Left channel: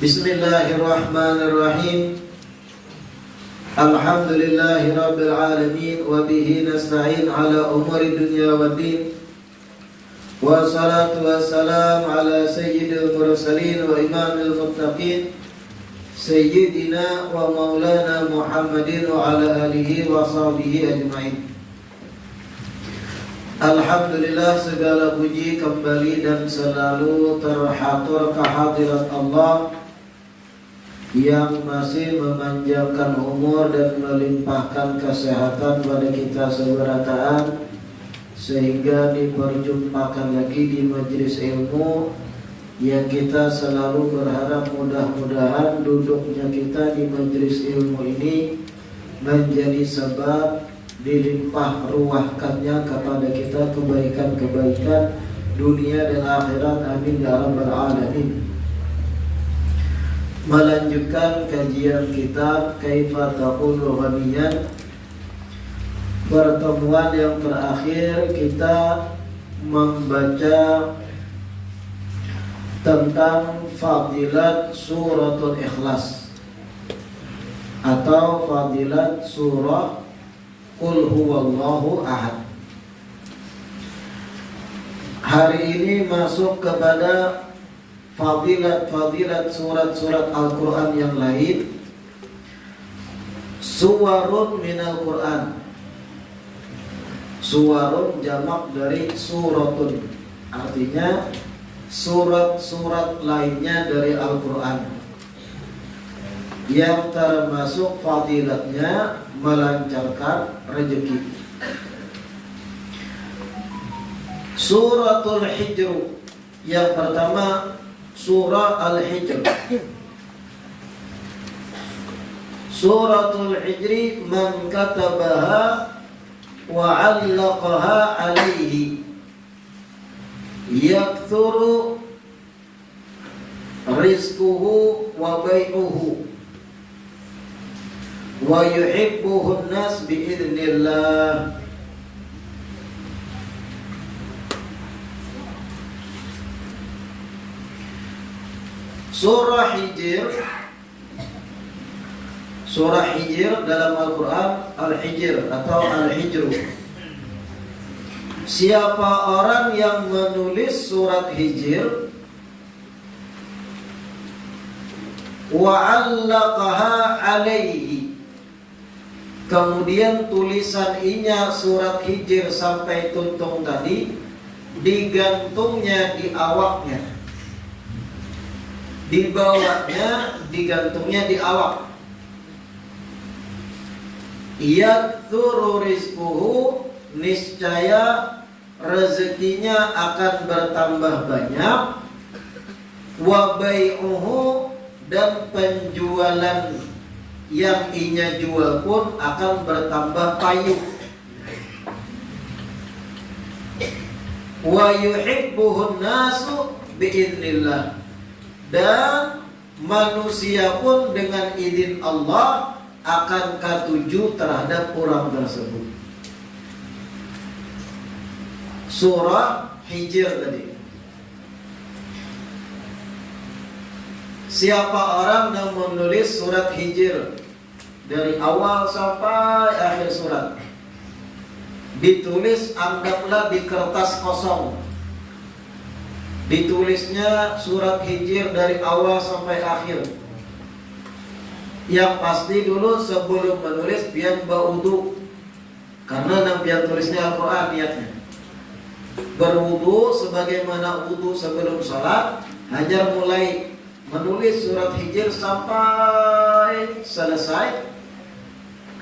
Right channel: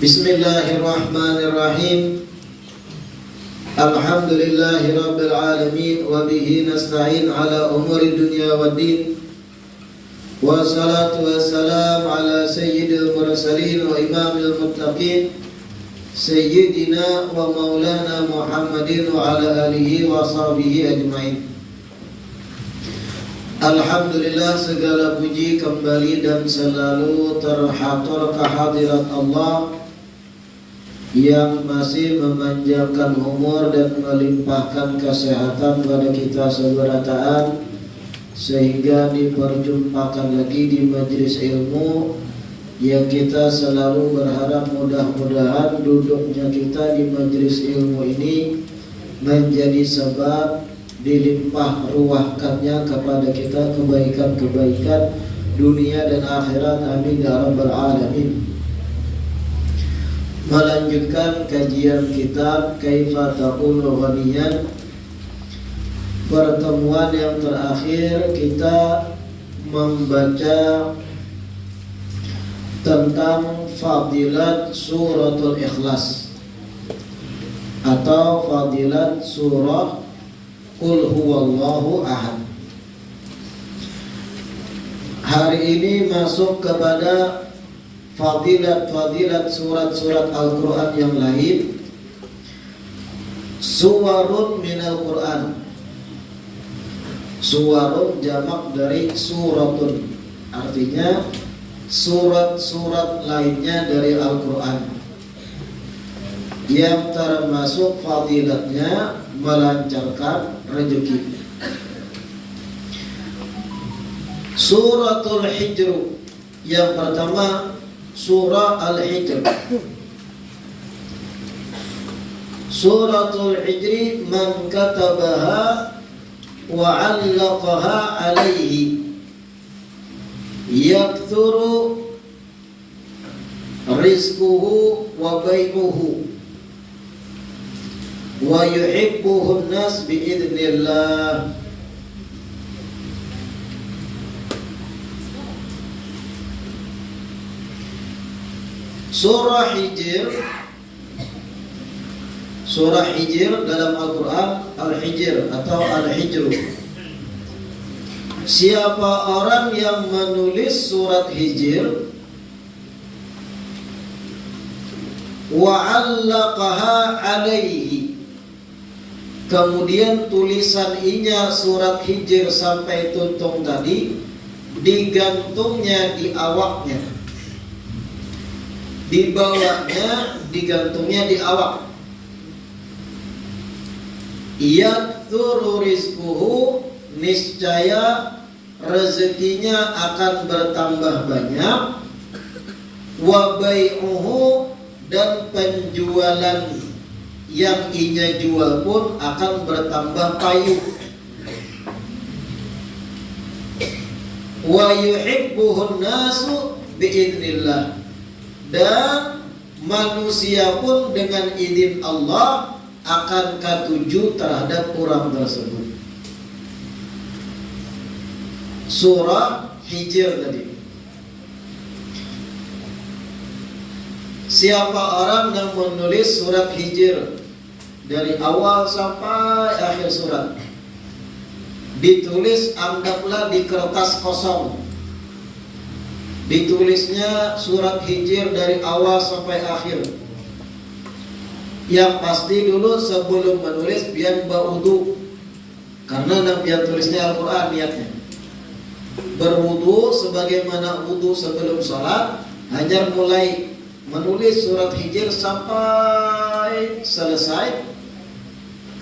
Bismillahirrahmanirrahim. Alhamdulillahi rabbil alamin wa bihi nasta'in ala umuri dunya waddin. Wassalatu wassalam ala sayyidil mursalin wa imamil muttaqin sayyidina wa maulana Muhammadin wa ala alihi wa sahbihi ajmain. Alhamdulillah, segala puji kembali dan selalu terhatur kehadirat Allah yang masih memanjangkan umur dan melimpahkan kesehatan pada kita seberataan, sehingga diperjumpakan lagi di majelis ilmu yang kita selalu berharap mudah-mudahan duduknya kita di majelis ilmu ini menjadi sebab dilimpah ruahkannya kepada kita kebaikan-kebaikan dunia dan akhirat, amin ya rabbal alamin. Melanjutkan kajian kitab Kaifa Taqulu Ghaniyan. Pertemuan yang terakhir kita membaca tentang fadilat suratul Ikhlas atau fadilat surah Qul Huwallahu Ahad. Hari ini masuk kepada fadilat surat-surat Al-Quran yang lain. Suwarun minal Quran. Suwarun jamak dari suratun, artinya surat-surat lainnya dari Al-Quran yang termasuk fadilatnya melancarkan rezeki. Suratul Hijr yang pertama, surah Al-Hijr. Suratul Hijri man katabaha wa 'allaqaha alaihi yakthuru rizquhu wa bai'uhu wa yuhibbuhu an-nas bi'idznillah. Surah Hijr. Surah Hijr dalam Al-Quran Al-Hijr atau Al-Hijru. Siapa orang yang menulis surat Hijr wa 'allaqaha alaihi, kemudian tulisan inya surat Hijr sampai tuntung tadi digantungnya di awaknya, dibawanya, digantungnya di awak. Yaktsuru rizquhu, niscaya rezekinya akan bertambah banyak. Wa bai'uhu, dan penjualan yang inya jual pun akan bertambah payung. Wa yuhibbuhun nasu biidznillah, dan manusia pun dengan izin Allah akan katuju terhadap orang tersebut. Surah Hijr tadi. Siapa orang yang menulis surat Hijr dari awal sampai akhir surat, ditulis anggaplah di kertas kosong, ditulisnya surat Hijr dari awal sampai akhir. Yang pasti dulu sebelum menulis pian berwudu, karena yang pian tulisnya Al-Quran niatnya berwudu sebagaimana wudu sebelum sholat. Hanya mulai menulis surat Hijr sampai selesai.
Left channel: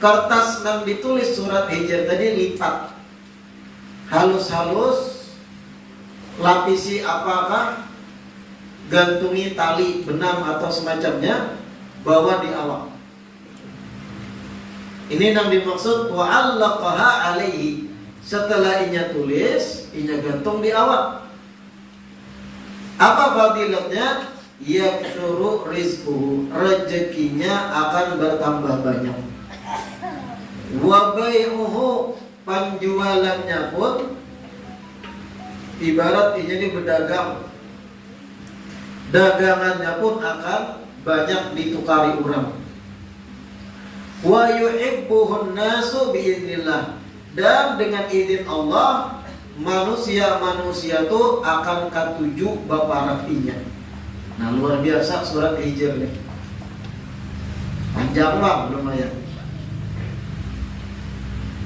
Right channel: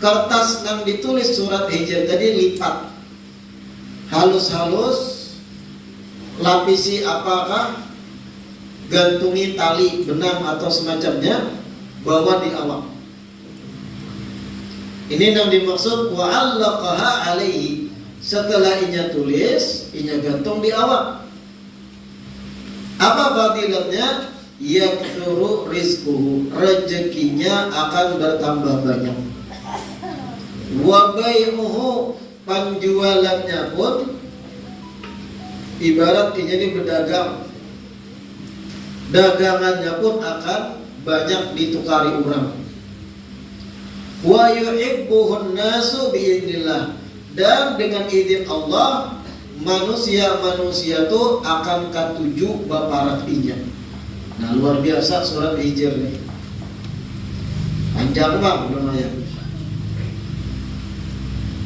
Kertas yang ditulis surat Hijr tadi lipat halus-halus, lapisi apakah, gantungi tali benang atau semacamnya, bawa di awak. Ini yang dimaksud wa 'allaqaha alaihi. Setelah inya tulis, inya gantung di awak. Apa fadilatnya? Yaktsuru rizquhu, rezekinya akan bertambah banyak. Wa bai'uhu, penjualannya pun ibarat inya ini berdagang, dagangannya pun akan banyak ditukari orang. Wa yuhibbuhun nasu biidznillah, dan dengan izin Allah manusia-manusia itu akan katuju baparatinya. Nah, luar biasa surat Hijr nih. Panjang bang, lumayan.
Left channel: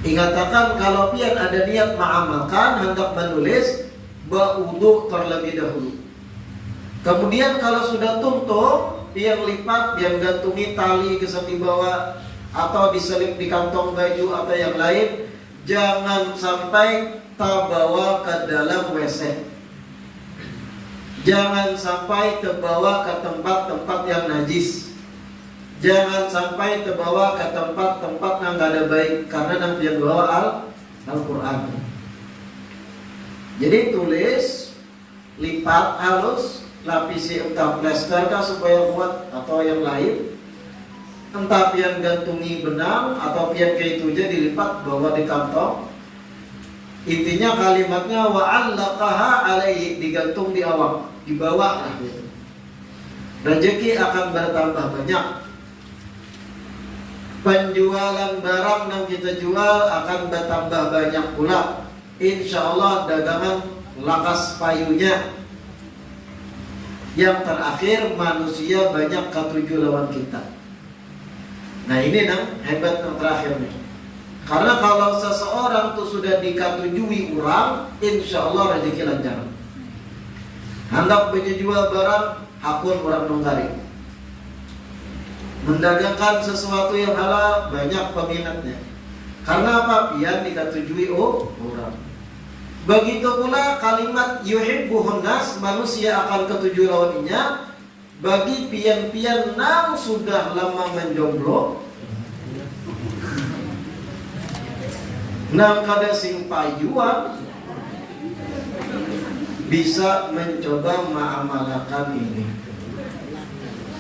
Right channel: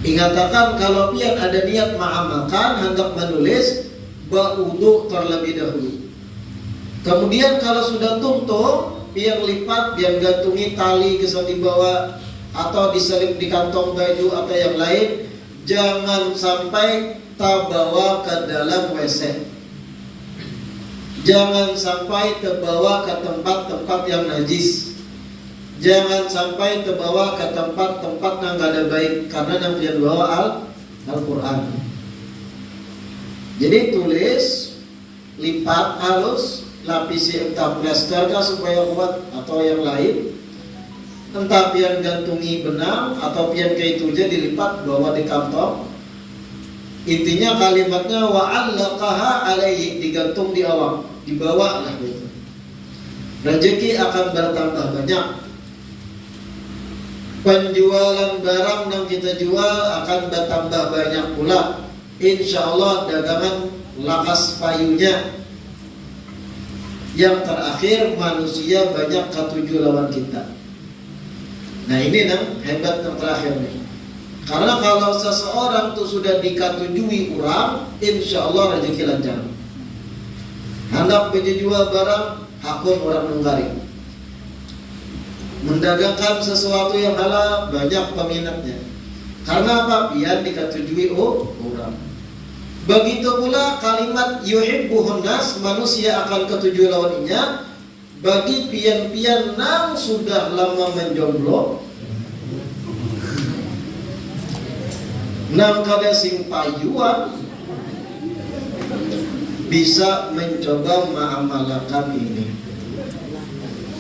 Ingatakan kalau pian ada niat mengamalkan, hendak menulis, ba'udu terlebih dahulu. Kemudian kalau sudah tuntung, pian lipat, pian gantungi tali kesan di bawah, atau diselip di kantong baju atau yang lain. Jangan sampai terbawa ke dalam WC. Jangan sampai terbawa ke tempat-tempat yang najis. Jangan sampai terbawa ke tempat-tempat yang gak ada baik, karena nanti yang bawa Al-Quran. Jadi tulis, lipat halus, lapisi entah plester kah supaya kuat atau yang lain, entah pian gantungi benang atau pian kayak itu aja dilipat bawa di kantong. Intinya kalimatnya wa'allaqaha alaihi, digantung di awak, di bawah lah gitu. Rezeki akan bertambah banyak. Penjualan barang yang kita jual akan bertambah banyak pula. Insya Allah dagangan lakas payunya. Yang terakhir manusia banyak ketujuh lawan kita. Nah ini yang hebat yang terakhir nih. Karena kalau seseorang tuh sudah dikatujui orang, insya Allah rezeki lancar. Hendak menjual barang, hakun orang menggaring. Mendagangkan sesuatu yang halal, banyak peminatnya. Karena apa? Pian dikatujui orang. Begitu pula kalimat yuhibbuhun nas, manusia akan ketujuh lawannya. Bagi pian-pian yang sudah lama menjomblo, nang kada sing payuan, bisa mencoba mengamalkan ini.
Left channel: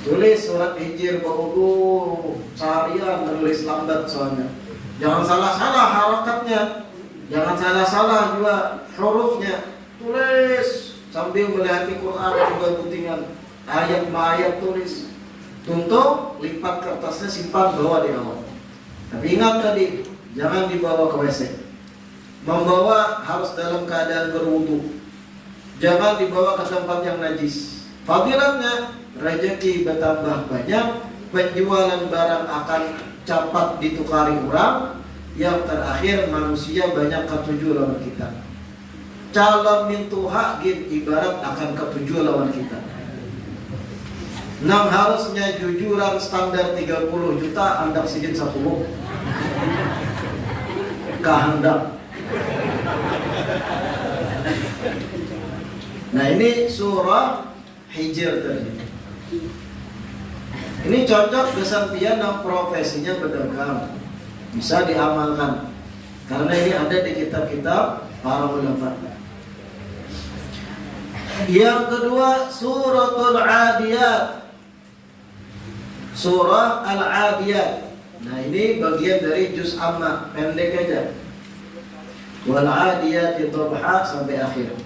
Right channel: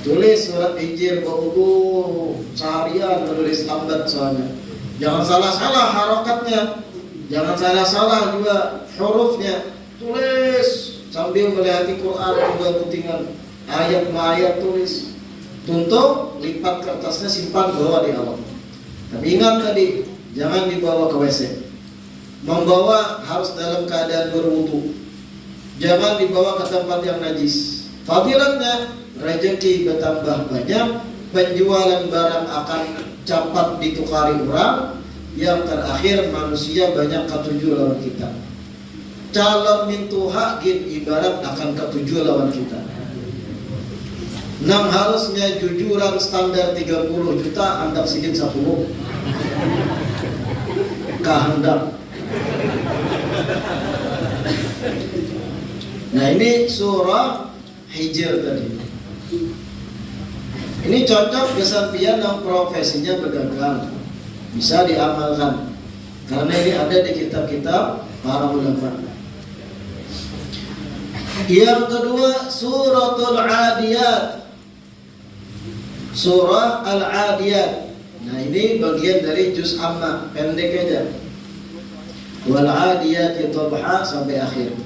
Tulis surat Hijr baudu seharian, tulis lambat soalnya. Jangan salah-salah harakatnya, jangan salah-salah juga hurufnya. Tulis sambil melihati Quran juga putingan ayat-ayat tulis. Tuntung, lipat kertasnya, simpan, bawa di awal. Tapi ingat tadi, jangan dibawa ke WC. Membawa harus dalam keadaan berwudu. Jangan dibawa ke tempat yang najis. Fadilatnya rezeki bertambah banyak, penjualan barang akan cepat ditukari orang, yang terakhir manusia banyak ketujuh lawan kita. Calon mintu hakin ibarat akan ketujuh lawan kita. Nang harusnya jujuran standar 30 juta, andak sidin 10 kehendak. Nah ini surah Hijr tadi. Ini cocok kesampian yang profesinya pedagang, bisa diamalkan karena ini ada di kitab-kitab para ulama. Yang kedua suratul Adiyat, surah Al-Adiyat. Nah ini bagian dari juz amma, pendek aja. Wal Adiyati dhabha sampai akhir.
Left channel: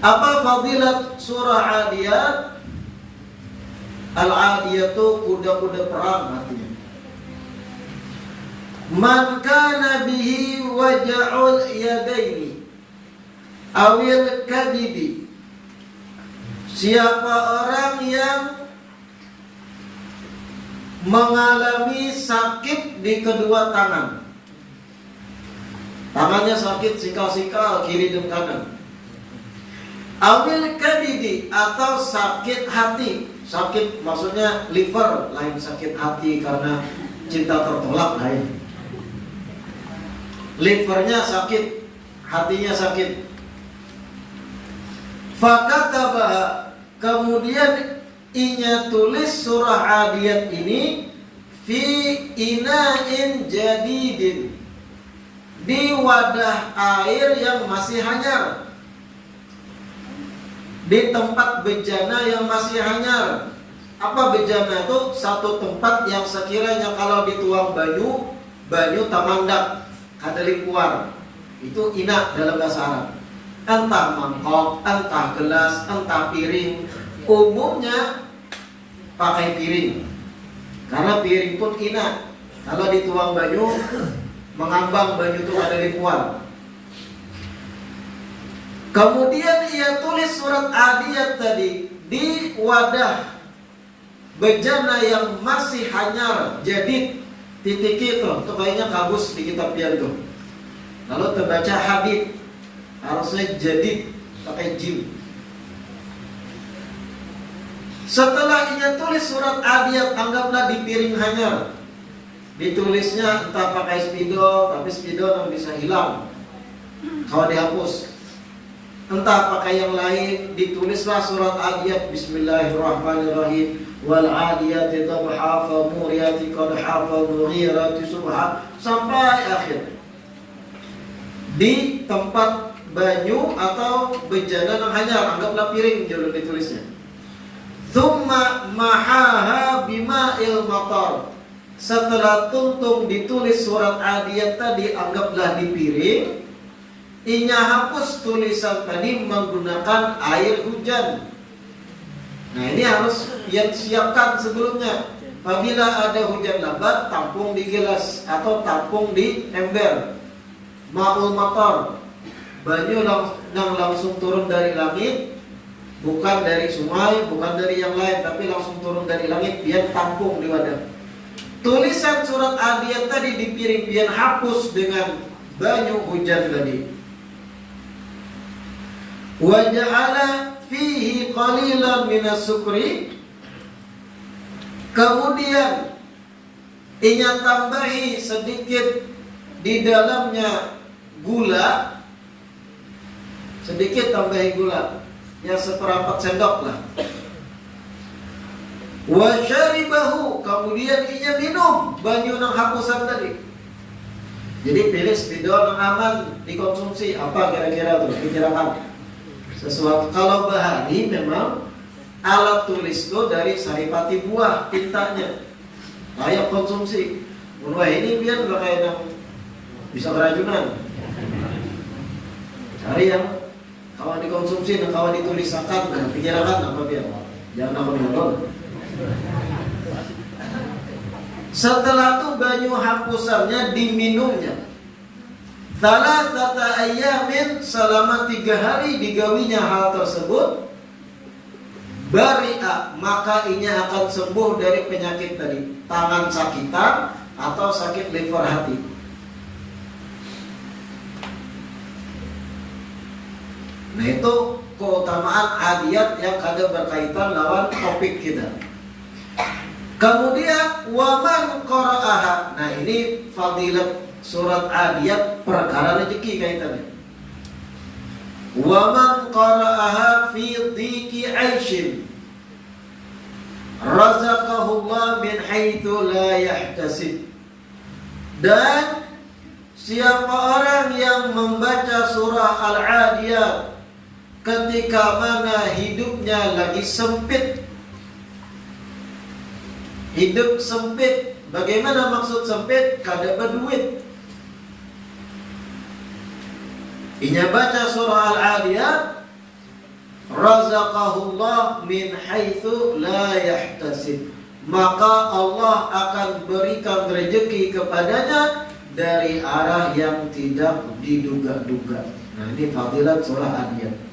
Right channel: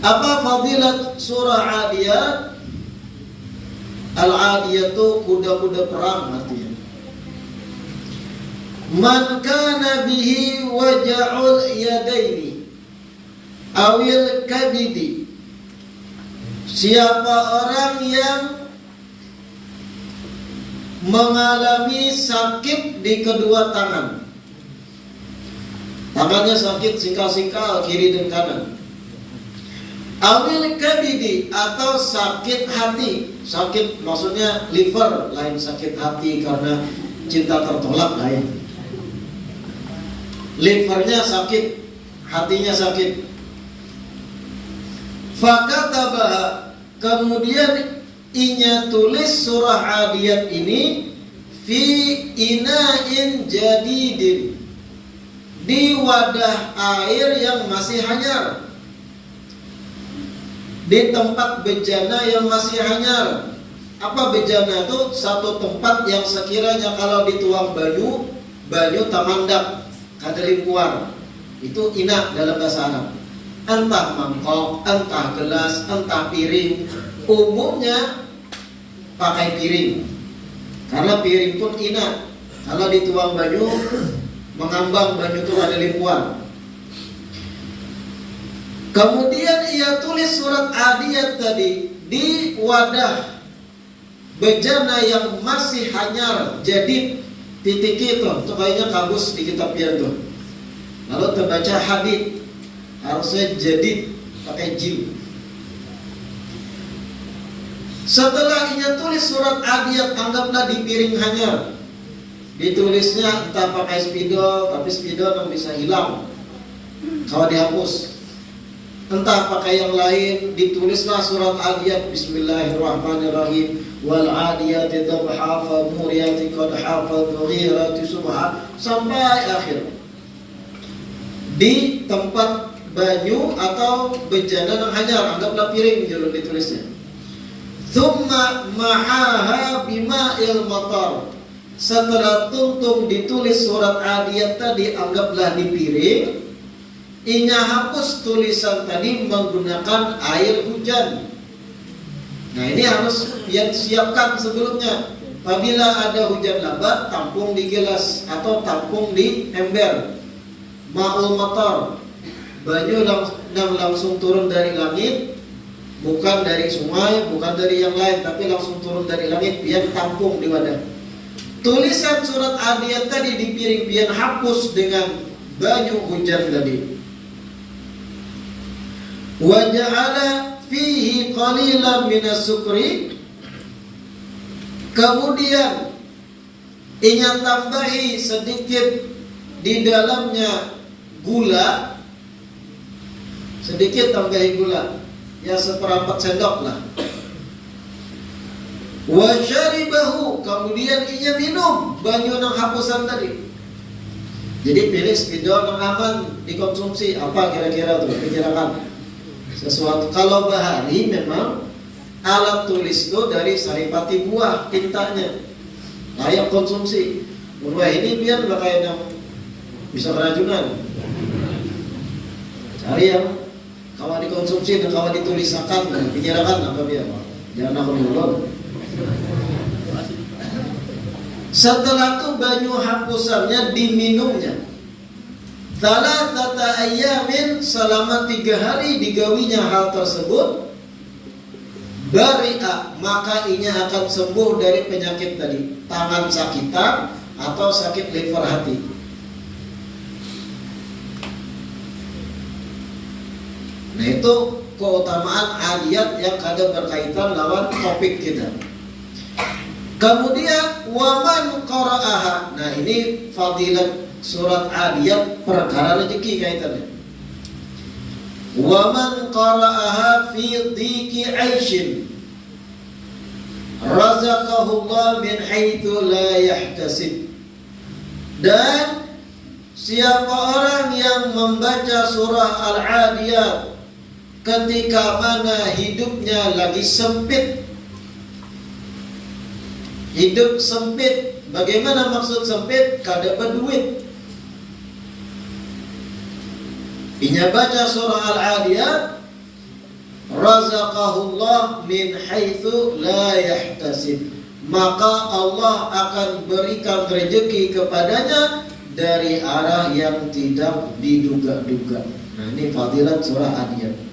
Apa fadilat surah Adiyat? Al-Adiyat itu kuda-kuda perang artinya. Man kana bihi waja'ul yadaini awil kabidi, siapa orang yang mengalami sakit di kedua tangan, tangannya sakit sikal-sikal kiri dan kanan. Awil kabidi, atau sakit hati. Sakit maksudnya liver, lain sakit hati karena cinta tertolak lain. Livernya sakit, hatinya sakit. Fakataba, kemudian inya tulis surah Adiyat ini fi ina'in jadidin, di wadah air yang masih hanyar, di tempat bejana yang masih hanyar. Apa bejana itu? Satu tempat yang sekiranya kalau dituang banyu tamandak, kadari kuar. Itu ina dalam bahasa Arab. Entah mangkok, entah gelas, entah piring. Umumnya pakai piring. Karena piring pun ina. Kalau dituang banyu, mengambang banyu itu ada limpuan. Kemudian ia tulis surat Adiyat tadi di wadah bejana yang masih hanyar, jadid, titik itu kayaknya kabus di kitab pian tuh. Lalu terbaca hadid, harusnya jadid pakai jim. Setelah ia tulis surat Adiyat, anggaplah di piring hanyar. Ditulisnya entah pakai spidol, tapi spidol bisa hilang kalau dihapus. Entah pakai yang lain, ditulislah surat Adiyat, Bismillahirrahmanirrahim, wal adiyati dhabha fa muriyati qadha fa mughirati subha, sampai akhir. Di tempat banyu atau bejana yang hanyar, anggaplah piring judul ditulisnya. Thumma mahaha bima'il matar. Setelah tuntung ditulis surat Adiyat tadi, anggaplah di piring. Inya hapus tulisan tadi menggunakan air hujan. Nah ini harus yang siapkan sebelumnya. Apabila ada hujan lebat, tampung di gelas atau tampung di ember. Ma'ul matar, banyu yang langsung turun dari langit, bukan dari sungai, bukan dari yang lain, tapi langsung turun dari langit, biar tampung di wadah. Tulisan surat Adiyat tadi di piring biar hapus dengan banyu hujan tadi. Wa ja'ala fihi qalilan minas sukri. Kemudian inya tambahi sedikit di dalamnya gula. Sedikit tambahi gula, ya seperempat sendok lah. Wa syaribahu, kemudian inya minum banyu nang hapusan tadi. Jadi pilih spidol nang aman dikonsumsi. Apa kira-kira tuh pikiran sesuatu. Kalau bahari memang alat tulis itu dari saripati buah tintanya, layak konsumsi. Buah ini biar pakai yang bisa keracunan. Cari yang kalau dikonsumsi dan kalau ditulisakan, pikirkan apa biar jangan aku nolong. Setelah itu banyu hapusannya diminumnya. Thalathata ayyamin, selama 3 hari digawinya hal tersebut. Bari'a, maka inya akan sembuh dari penyakit tadi, tangan sakitan atau sakit liver hati. Nah itu keutamaan Adiyat yang ada berkaitan lawan topik kita. Kemudian waman qara'aha. Nah ini fadilat surat Adiyat perkara rezeki kaitannya. Waman qara'aha fi dhiki 'aishin razaqahullah min haitsu la yahtasib. Dan siapa orang yang membaca surah Al-Adiyat ketika mana hidupnya lagi sempit. Hidup sempit, bagaimana maksud sempit? Kada berduit. Inya baca surah Al-Adiyat, razaqahullah min haitsu la yahtasib, maka Allah akan berikan rezeki kepadanya dari arah yang tidak diduga-duga. Nah ini fadilat surah Adiyat.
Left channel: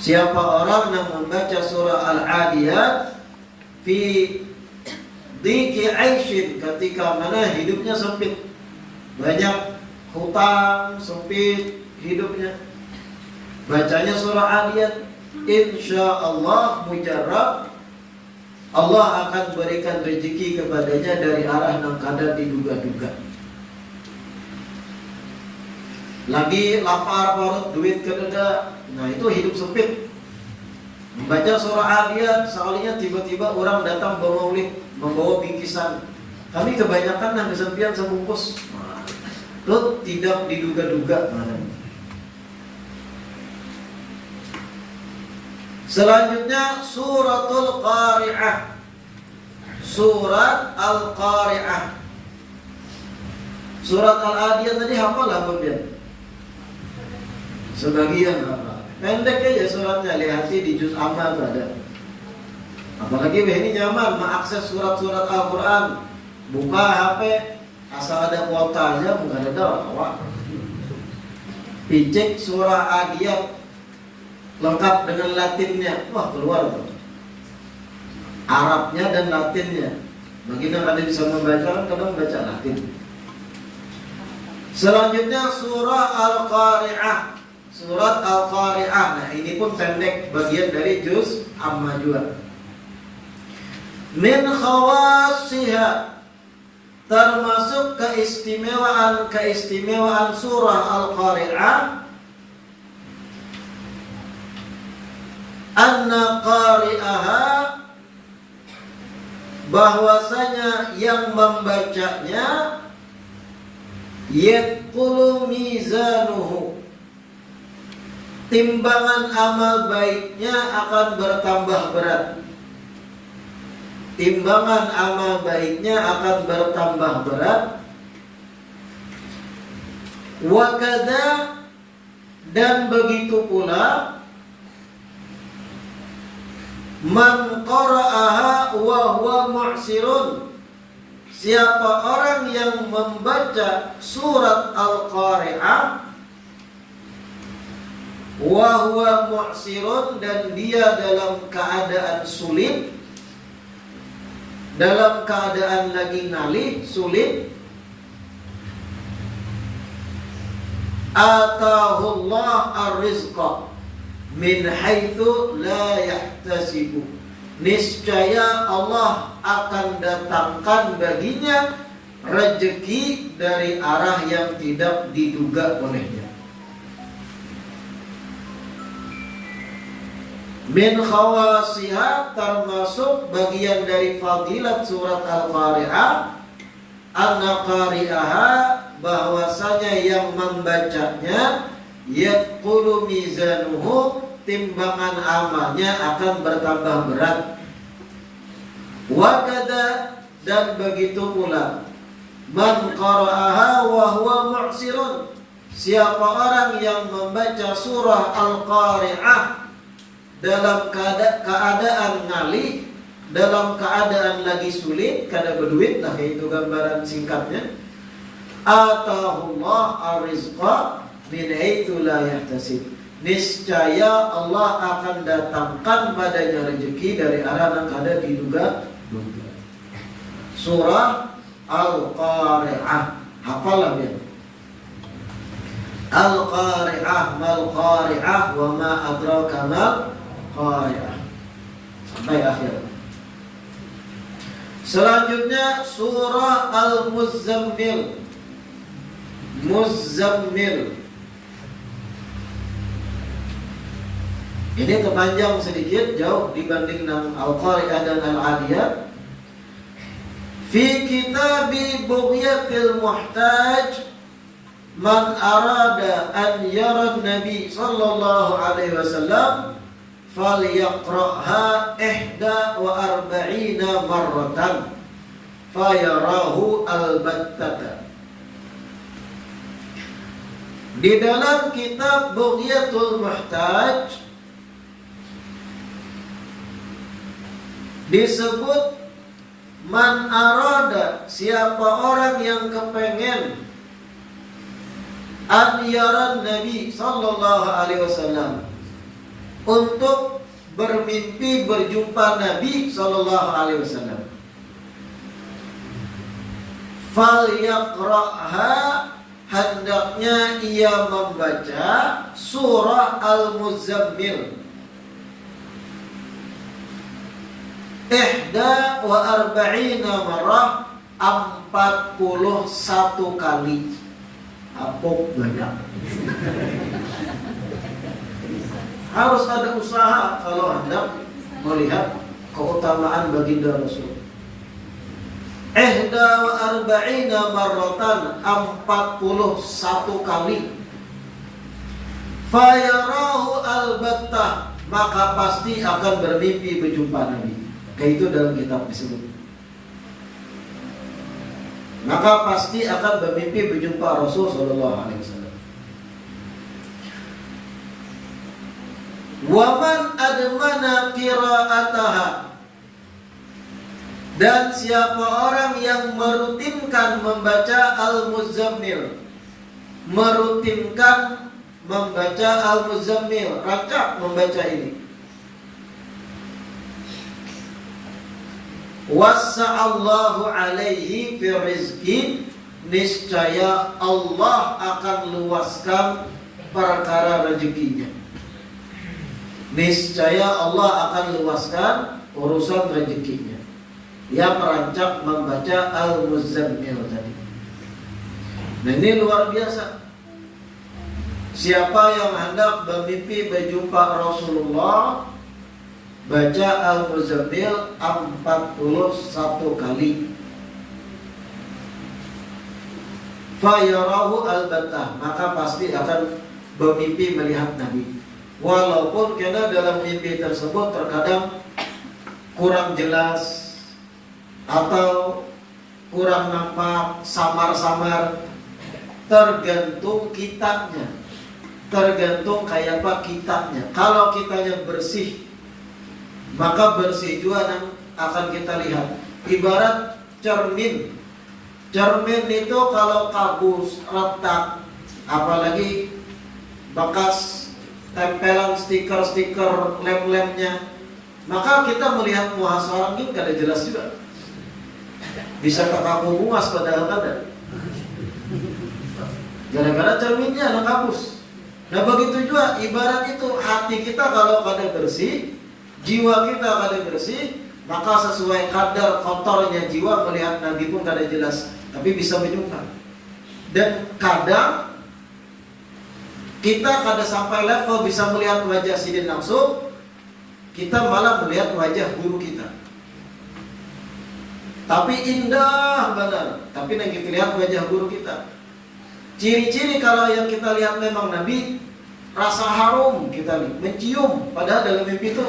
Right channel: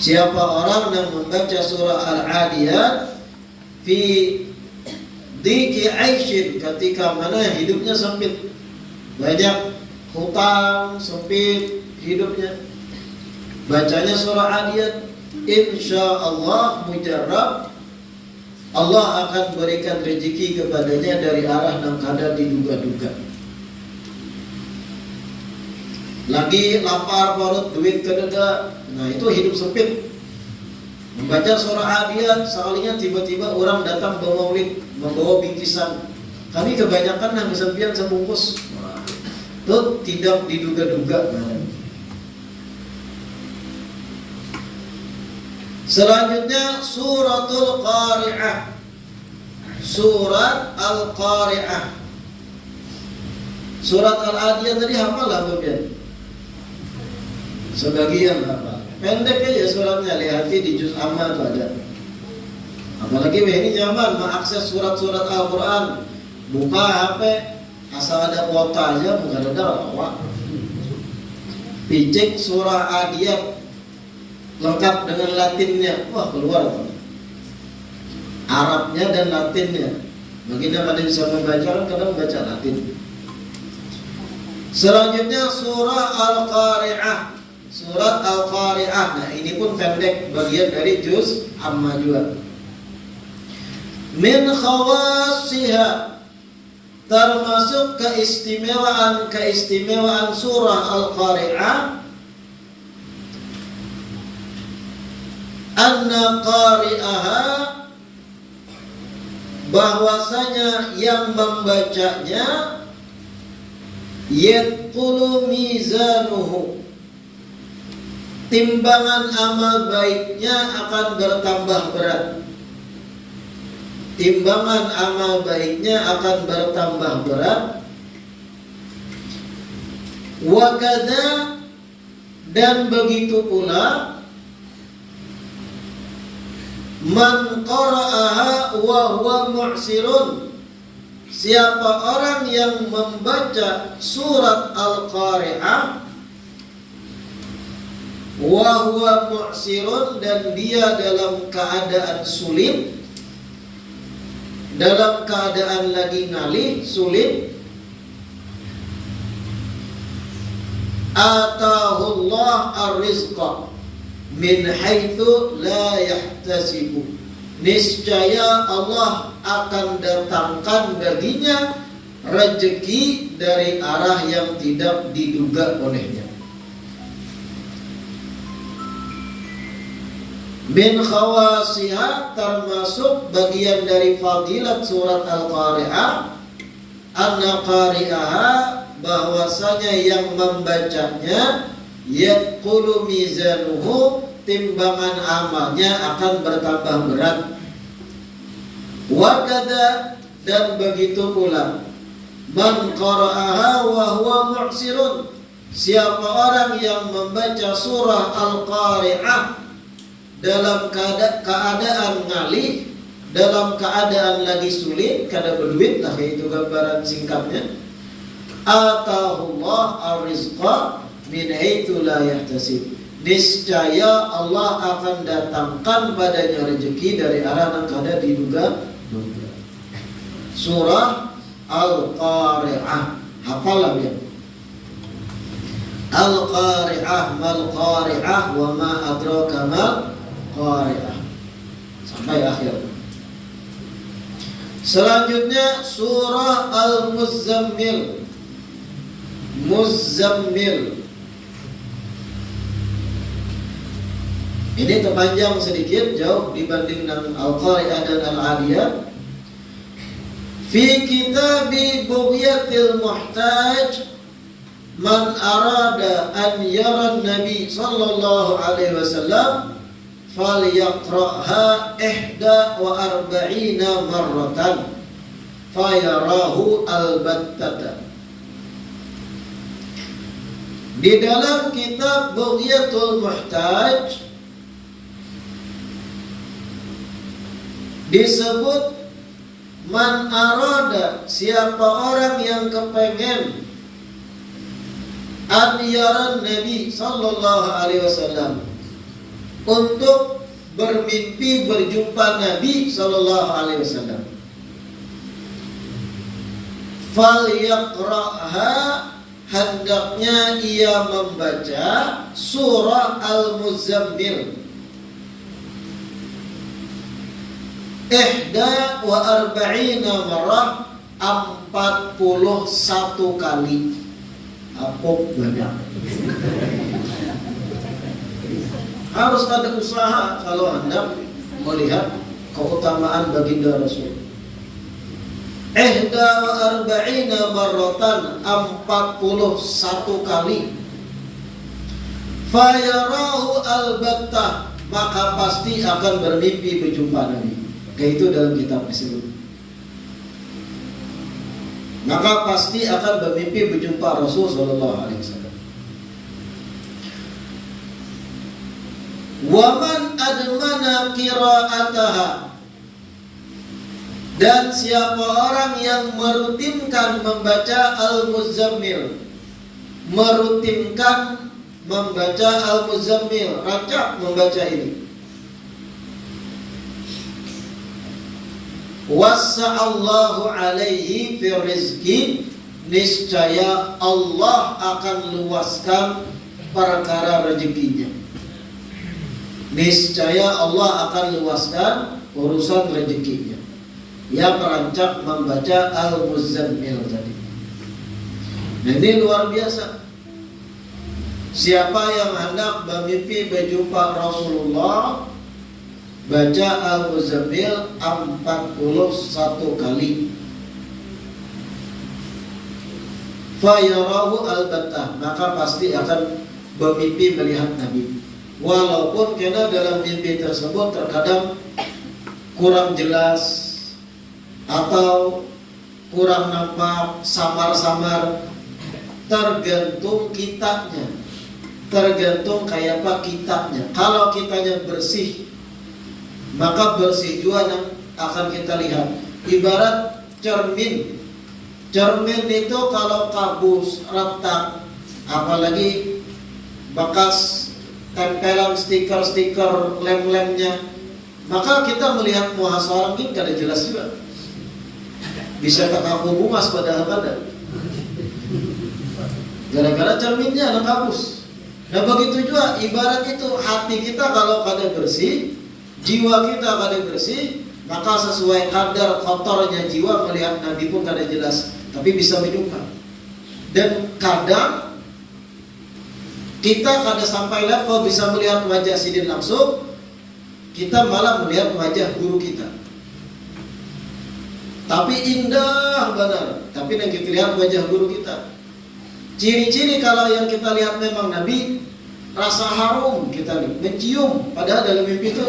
Siapa orang yang membaca surah Al-Adiyat fi dhiki 'aishin, ketika mana hidupnya sempit, banyak hutang, sempit hidupnya, bacanya surah Adiyat, insyaallah mujarrab, Allah akan berikan rezeki kepadanya dari arah yang kada diduga-duga. Lagi lapar perut, duit kededa, nah itu hidup sempit. Membaca surah Adiyat, sekalinya tiba-tiba orang datang bawa maulid, membawa bingkisan. Kami kebanyakan yang kesempian sebungkus. Itu tidak diduga-duga. Selanjutnya suratul Qari'ah. Surat Al-Qari'ah. Surat Al-Adiyat tadi hafal lah kemudian? Sebagian hafal. Pendek aja suratnya, lihat di juz amma itu ada. Apalagi ini nyaman mengakses surat-surat Al-Quran, buka HP, asal ada kuota aja, bukan ada awak. Picek surah Adiyat lengkap dengan Latinnya, wah keluar tuh. Arabnya dan Latinnya. Bagi yang ada bisa membaca, kadang baca Latin. Selanjutnya surah Al-Qari'ah. Surat Al-Qari'ah. Nah ini pun pendek, bagian dari juz amma juga. Min khawasiha, termasuk keistimewaan surah Al-Qari'ah, anna qari'aha, bahwasanya yang membacanya yadkhulu mizanuhu, timbangan amal baiknya akan bertambah berat. Timbangan amal baiknya akan bertambah berat. Wa kadza, dan begitu pula man qara'aha wa huwa mu'sirun, siapa orang yang membaca surat Al-Qari'ah wa huwa mu'sirun, dan dia dalam keadaan sulit, dalam keadaan lagi ngalih, sulit, atahullah ar-rizqa min haitsu la yahtasibu, niscaya Allah akan datangkan baginya rezeki dari arah yang tidak diduga olehnya. Min khawasiha, termasuk bagian dari fadilat surat Al-Qari'ah, anna qari'aha, bahwasanya yang membacanya yadkhulu mizanuhu, timbangan amalnya akan bertambah berat. Wa kadza, dan begitu pula man qara'aha wa huwa mu'sirun, siapa orang yang membaca surah Al-Qari'ah dalam keadaan ngalih, dalam keadaan lagi sulit, kada berduit lah, itu gambaran singkatnya. Atahullah ar-rizqa min haitsu la yahtasib, niscaya Allah akan datangkan padanya rezeki dari arah yang kada diduga. Surah Al-Qari'ah, hafalah ya. Al-Qari'ah, mal Qari'ah, wa ma adraka mal Qari'ah, sampai akhir. Selanjutnya surah Al-Muzammil. Muzammil ini terpanjang sedikit, jauh dibanding dengan Al-Qari'ah dan Al-Adiyat. Fi kitabi Bughyatil Muhtaj, man arada an yara Nabi sallallahu alaihi wasallam falyaqra'ha 41 marratan fayarahu albattata. Di dalam kitab Bughyatul Muhtaj disebut man arada, siapa orang yang kepengen an yaran Nabi sallallahu alaihi wasallam, untuk bermimpi berjumpa Nabi sallallahu alaihi wasallam, falyaqra'ha, hendaknya ia membaca surah Al-Muzammil 41 marrah, 41 kali. Apok banyak. Harus ada usaha kalau Anda melihat keutamaan baginda Rasul. 41 marratan, 41 kali. Fayarahu albattah, maka pasti akan bermimpi berjumpa Nabi. Kayak itu dalam kitab disebut. Maka pasti akan bermimpi berjumpa Rasul sallallahu alaihi wasallam. Wa man admana qira'ataha, Dan siapa orang yang merutinkan membaca Al-Muzammil, merutinkan membaca Al-Muzammil, racap membaca ini, wassa'allahu alaihi fi rizki, niscaya Allah akan luaskan perkara rezekinya. Niscaya Allah akan luaskan urusan rezekinya. Ia merancak membaca Al-Muzammil tadi. Nah, ini luar biasa. Siapa yang hendak bermimpi berjumpa Rasulullah, baca Al-Muzammil 41 kali. Fayarahu al-battah, maka pasti akan bermimpi melihat Nabi. Walaupun karena dalam mimpi tersebut terkadang kurang jelas atau kurang nampak, samar-samar, tergantung kitabnya, tergantung kayak apa kitabnya. Kalau kitabnya bersih, maka bersih juga akan kita lihat. Ibarat cermin. Cermin itu kalau kabus, retak, apalagi bekas tempelan stiker-stiker lem-lemnya, maka kita melihat muka seorang ini gak ada jelas juga. Bisa kaku bungas padahal ada. Gara-gara cerminnya ada kabus. Nah begitu juga ibarat itu hati kita kalau kada bersih, jiwa kita kada bersih, maka sesuai kadar kotornya jiwa melihat Nabi pun kada jelas, tapi bisa menjumpa. Dan kadang kita kada sampai level bisa melihat wajah sidin langsung, kita malah melihat wajah guru kita. Tapi indah benar, tapi yang kita lihat wajah guru kita. Ciri-ciri kalau yang kita lihat memang Nabi, rasa harum kita nih, mencium. Padahal dalam mimpi itu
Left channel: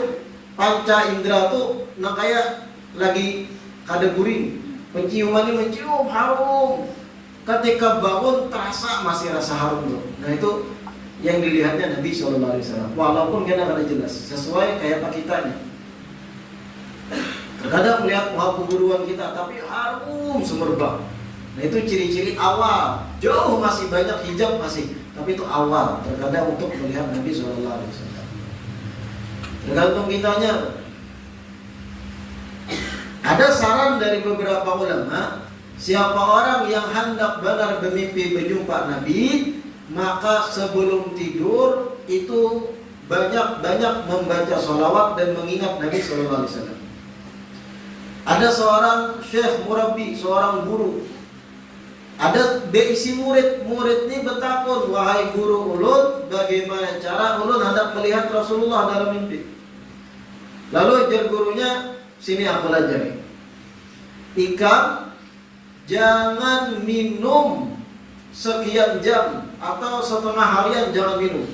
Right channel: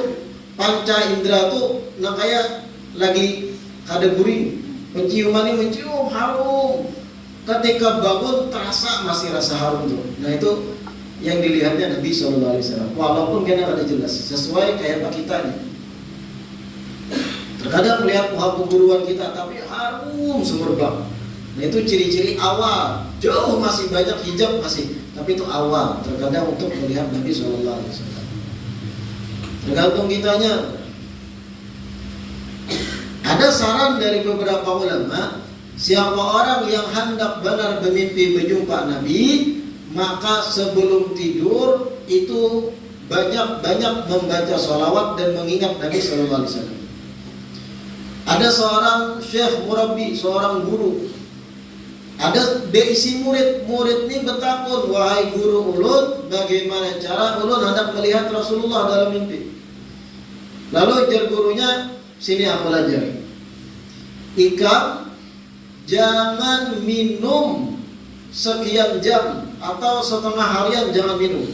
panca indera tuh kayak lagi kada guring. Penciuman ini mencium harum. Ketika bangun terasa masih rasa harum tuh. Nah itu yang dilihatnya Nabi SAW. Walaupun kita kada jelas, sesuai kayak apa kitanya. Terkadang melihat muka keguruan kita, tapi harum semerbak. Nah itu ciri-ciri awal. Jauh masih banyak hijab masih, tapi itu awal. Terkadang untuk melihat Nabi SAW. Tergantung kitanya. Ada saran dari beberapa ulama, siapa orang yang hendak benar bermimpi berjumpa Nabi, maka sebelum tidur itu banyak-banyak membaca sholawat dan mengingat Nabi SAW. Ada seorang syekh murabbi, seorang guru. Ada beisi murid ini bertakun, wahai guru ulun, bagaimana cara ulun hendak melihat Rasulullah dalam mimpi? Lalu ajar gurunya, sini aku pelajari. Ikam, jangan minum sekian jam atau setengah harian, jangan minum.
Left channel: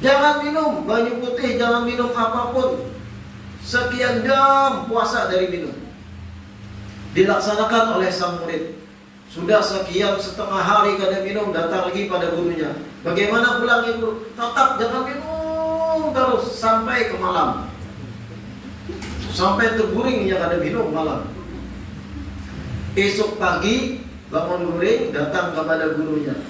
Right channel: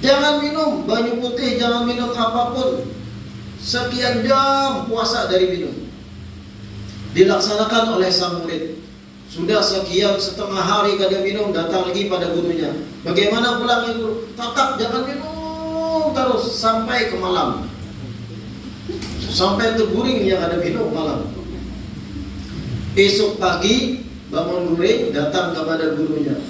Jangan minum banyu putih, jangan minum apapun. Sekian jam puasa dari minum. Dilaksanakan oleh sang murid. Sudah sekian setengah hari kada minum, datang lagi pada gurunya. Bagaimana pulangnya guru? Tetap jangan minum terus sampai ke malam. Sampai terguring yang kada minum malam. Esok pagi bangun guring, datang kepada gurunya.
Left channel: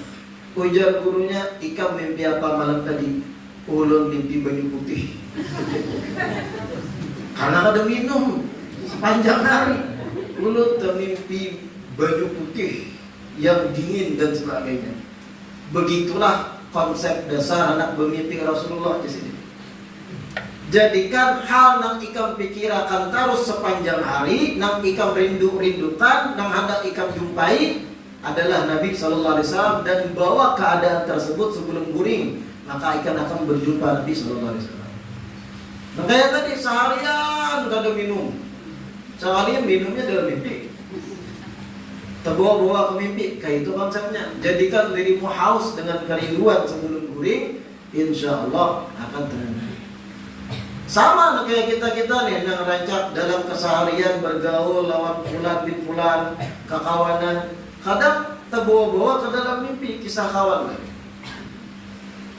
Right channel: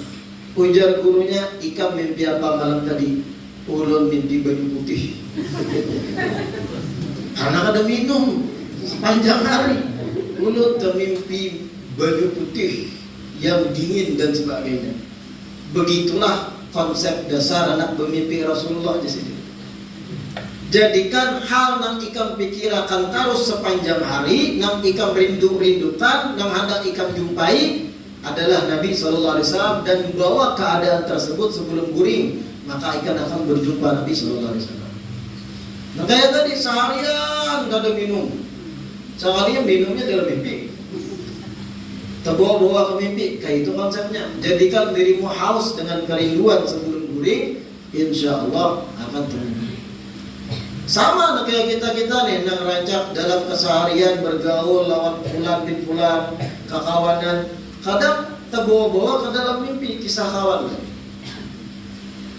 Ujar gurunya, ikam mimpi apa malam tadi? Ulun mimpi banyu putih. Karena ada minum sepanjang hari. Ulun termimpi baju putih yang dingin dan sebagainya. Begitulah konsep dasar anak bermimpi Rasulullah di sini. Jadikan hal nang ikam pikirakan terus sepanjang hari, nang ikam rindukan, nang hendak ikam jumpai adalah Nabi SAW, dan bawa keadaan tersebut sebelum guring, maka ikan akan berjumpa Nabi SAW. Makanya tadi seharian gak ada minum. Seharian minumnya dalam mimpi. Terbawa-bawa ke mimpi. Kayak itu konsepnya. Jadikan dirimu haus dengan kerinduan sebelum guring, insya Allah akan terjadi. Sama kayak kita nih yang rancak dalam keseharian bergaul lawan fulan bin fulan, kekawanan. Kadang terbawa-bawa ke dalam mimpi kisah kawan.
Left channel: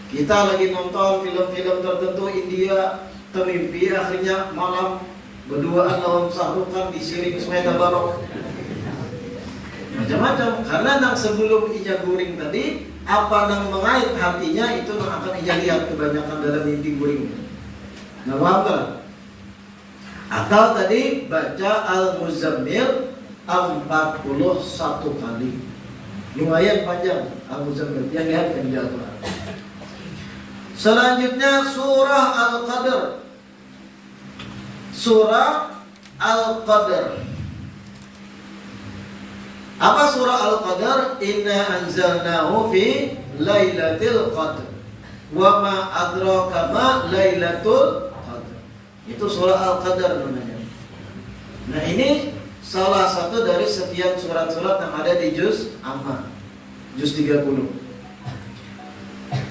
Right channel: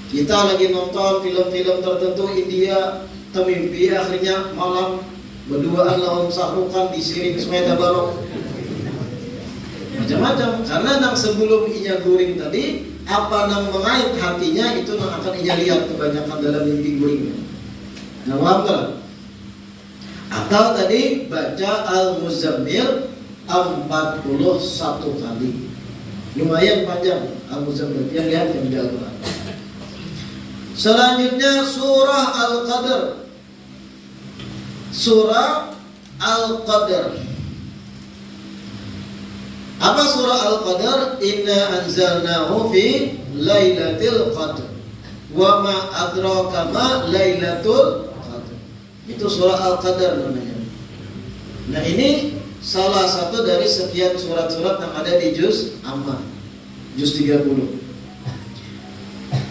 Kita lagi nonton film-film tertentu India, termimpi akhirnya malam berduaan lawan sahrukan disiring supaya tabarok. Macam-macam, karena nang sebelum inya guring tadi, apa nang mengait hatinya itu nang akan inya lihat kebanyakan dalam mimpi guringnya. Nah, paham kan? Atau tadi baca Al-Muzammil 41 kali. Lumayan panjang Al-Muzammil, yang lihat yang di Al-Quran. Selanjutnya surah Al-Qadr. Surah Al-Qadr. Apa surah Al-Qadr? Inna anzalnahu fi Lailatul Qadr. Wa ma adraka ma Lailatul Qadr. Itu surah Al-Qadr namanya. Nah, ini salah satu dari sekian surat-surat yang ada di juz Amma, juz 30.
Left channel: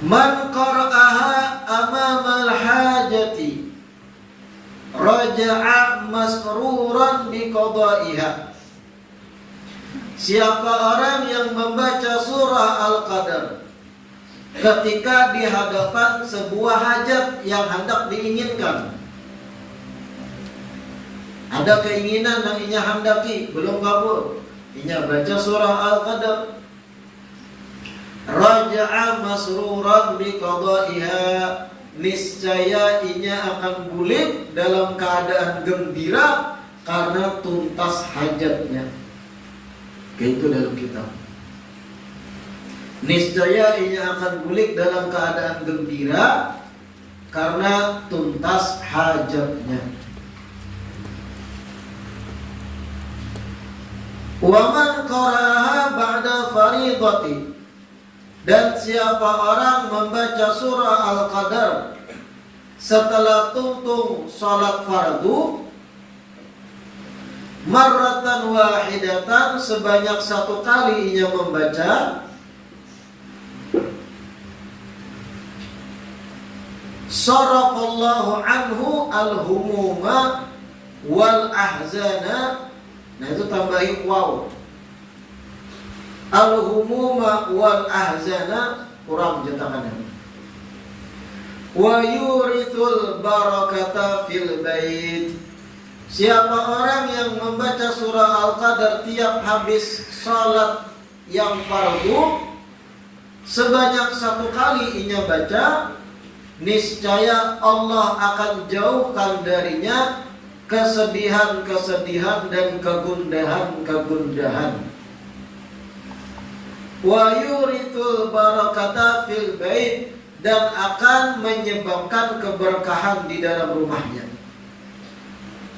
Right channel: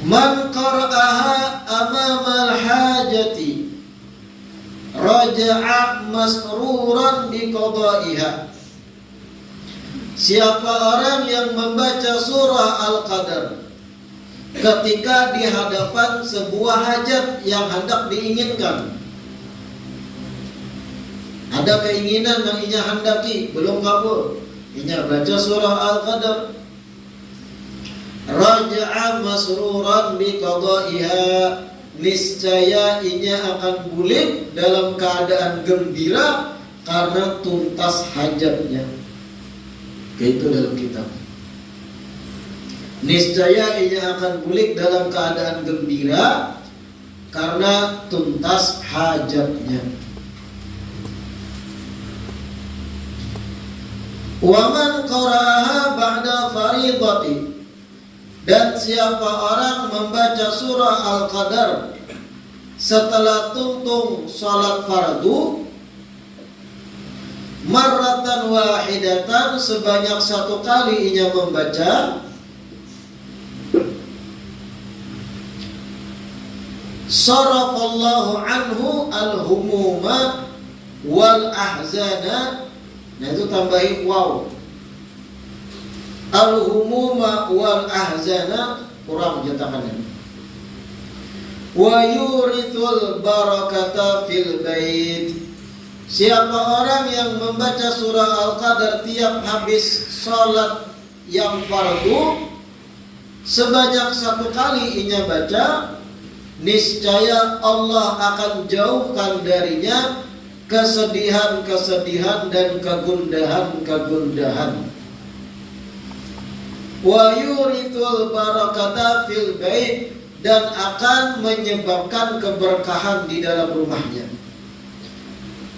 Man qara'aha amamal hajati raja'a masruran biqada'iha. Siapa orang yang membaca surah Al-Qadr ketika di hadapan sebuah hajat yang hendak diinginkan, ada keinginan yang inya hendaki belum kabul, inya baca surah Al-Qadr, raja'a masruran biqada'iha, niscaya inya akan pulih dalam keadaan gembira karena tuntas hajatnya. Itu dalam kitab. Niscaya inya akan pulih dalam keadaan gembira karena tuntas hajatnya. Wa man qara'aha ba'da fariidati, dan siapa orang membaca surah Al-Qadr setelah tuntung salat fardu, marratan wahidatan, sebanyak satu kali inya membaca, sarafallahu anhu al-humuma wal ahzana. Nah, itu tambahin waw, al-humuma wal ahzana, kurang cetakannya. Wa yurithul barakata fil bait. Siapa orang yang membaca surah Al-Qadr tiap habis sholat yang fardu, sebanyak satu kali inya baca, niscaya Allah akan jauhkan darinya kesedihan-kesedihan dan kegundahan-kegundahan. Wa yurithul barakata fil bait, dan akan menyebabkan keberkahan di dalam rumahnya.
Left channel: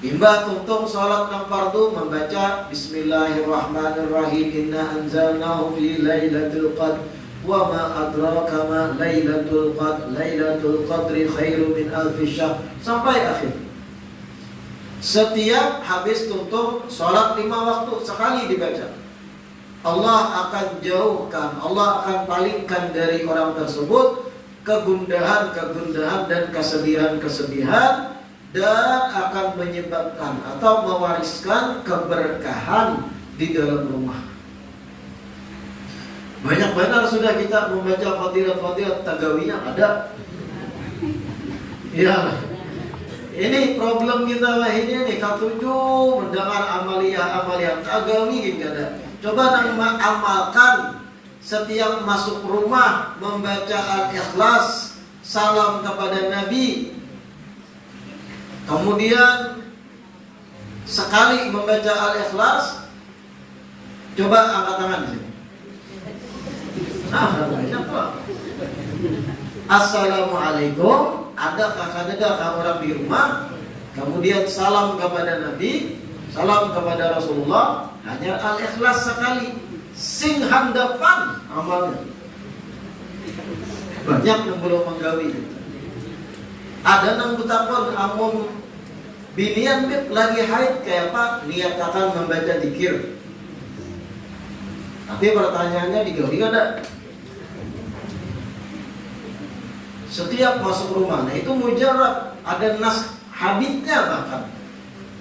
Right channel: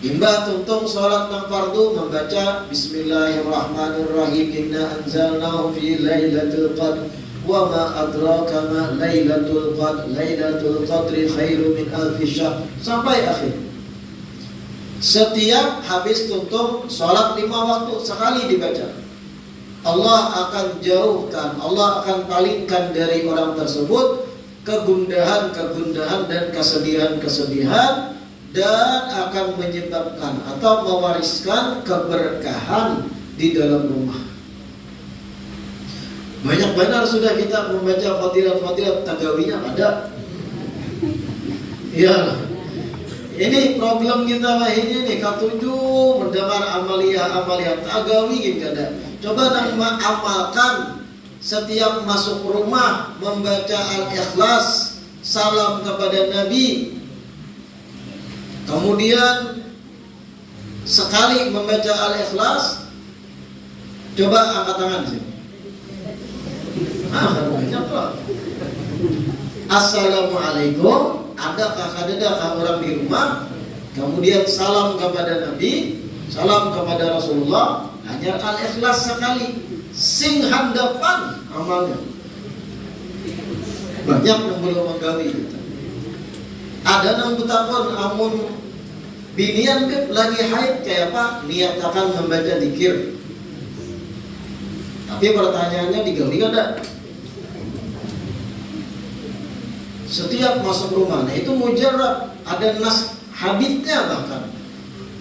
Imbah tuntung salat nang fardu membaca Bismillahirrahmanirrahim, inna anzalnahu fi Lailatul Qadr wa ma adraka ma Lailatul Qadr, Lailatul Qadri khairu min alfi syahr, sampai akhir. Setiap habis tuntung salat 5 waktu sekali dibaca, Allah akan jauhkan, Allah akan palingkan dari orang tersebut kegundahan-kegundahan dan kesedihan-kesedihan, dan akan menyebabkan atau mewariskan keberkahan di dalam rumah. Banyak benar sudah kita membaca fadilat-fadilat, tagawinya ada. Ya, ini problem kita lah ini nih, ketujuh mendengar amalia-amalia tagawi gitu ada. Coba nang amalkan setiap masuk rumah membaca Al-Ikhlas, salam kepada Nabi. Kemudian sekali membaca Al-Ikhlas, coba angkat tangan sini. Banyak lah. Assalamualaikum, adakah orang di rumah? Kemudian salam kepada Nabi, salam kepada Rasulullah, hanya Al-Ikhlas sekali. Sing handapan amalnya. Banyak yang belum menggawi kita. Ada nang betakon amun binian lagi haid kayak apa, niatakan membaca zikir. Tapi pertanyaannya digawi ada. Setiap masuk rumah, nah itu mujarab, ada nas haditsnya bahkan.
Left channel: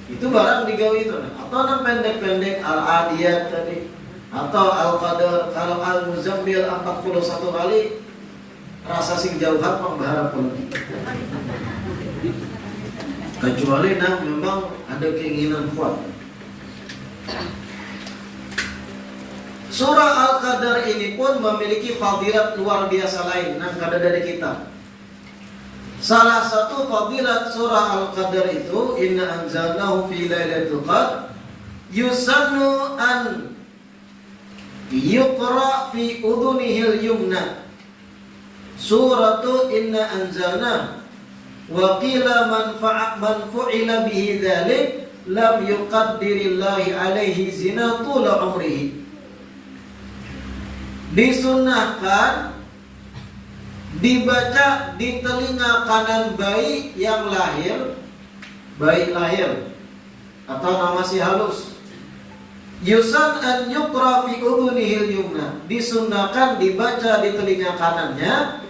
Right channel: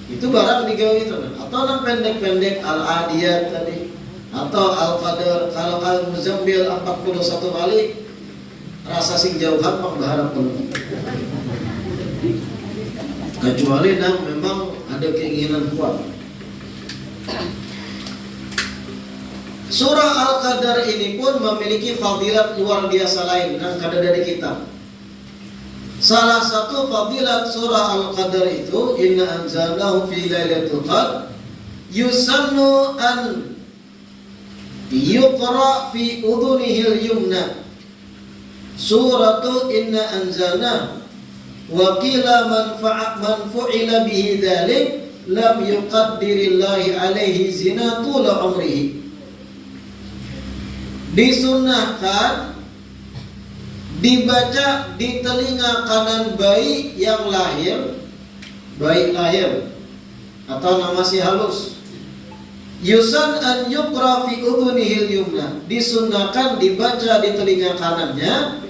Itu barang digawi itu. Atau nang pendek-pendek Al-Adiyat tadi, atau Al-Qadr, kalau Al-Muzammil 41 kali, rasa sing jauhan mah berharap penuh. Kecuali memang ada keinginan kuat. Surah Al-Qadar ini pun memiliki fadilat luar biasa lain yang ada dari kita. Salah satu fadilat surah Al-Qadar itu, inna anzalnahu fi lailatul qadr yusannu an yuqra fi udhunihil yumna suratu inna anzalna wa qila man fu'ila bihi dhalik lam yuqaddirillahi alaihi zinatul umrihi. Disunnahkan dibaca di telinga kanan bayi yang lahir, bayi lahir atau nama si halus. Yusan an yuqra fi udhunihil yumna, disunnahkan dibaca di telinga kanannya.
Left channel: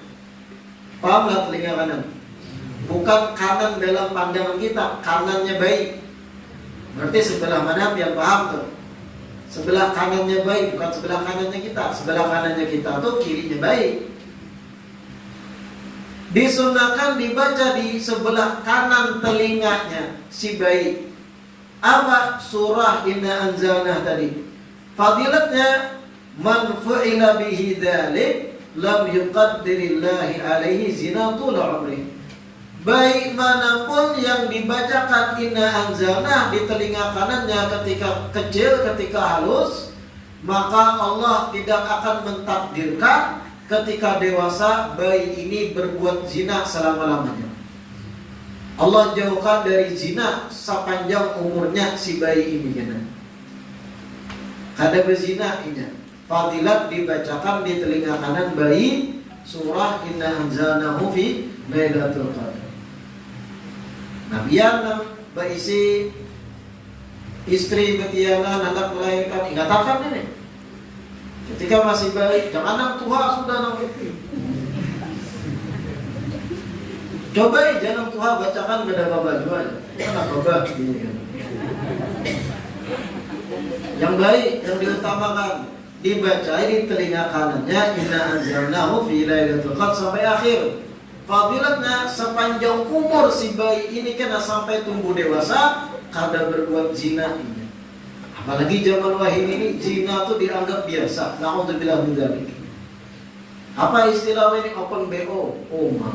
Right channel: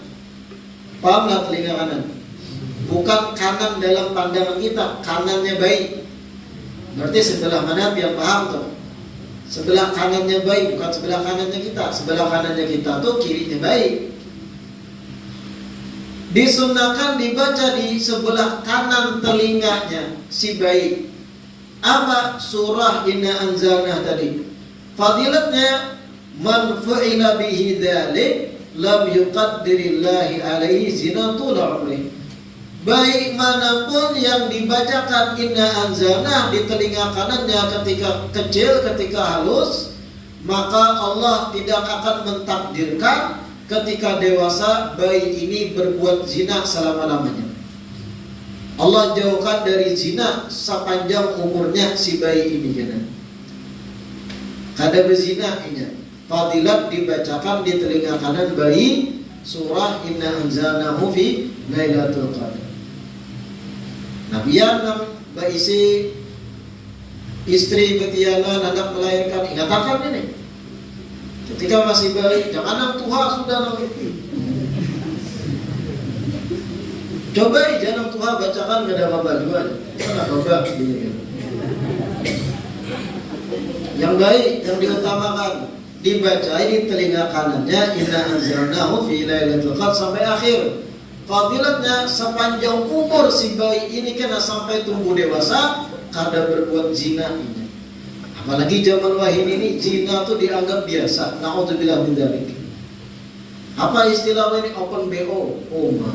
Pahamlah telinga kanan, bukan kanan dalam pandangan kita, kanannya bayi. Berarti sebelah mana biar paham tuh? Sebelah kanannya bayi, bukan sebelah kanannya kita. Sebelah kanannya kita tuh kirinya bayi. Disunahkan dibaca di sebelah kanan telinganya si bayi. Apa surah Inna Anzalna tadi? Fadilatnya man fu'ila bihi dzalik lam yuqaddirillahi alaihi zinatul umri. Baik manapun yang dibacakan Inna Anzalna di telinga kanannya ketika kecil, ketika halus, maka Allah tidak akan mentakdirkan ketika dewasa bayi ini berbuat zina selama-lamanya. Allah jauhkan dari zina sepanjang umurnya si bayi ini kan. Kada berzina inya. Fadilat dibacakan di telinga kanan bayi surah Inna Anzalnahu fi Lailatul Qadar. Nah biar Mbak isi istri betiana anak melahirkan, ingat akan ini ketika masih bayi, jangan anak tua sudah namanya. Coba jangan tua bacakan gak ada baju aja, anak coba gini kan. Yang baik, yang diutamakan dibaca di telinga kanannya Inna Anzalnahu fi Lailatul Qadar sampai akhir. Fadilatnya sepanjang umur si bayi ini kena sampai tumbuh dewasa kada berbuat zina ini. Apalagi zaman wahid ini zina tuh dianggap biasa. Naudzubillah min dzalik. Apa istilah ini open BO? Oh ma.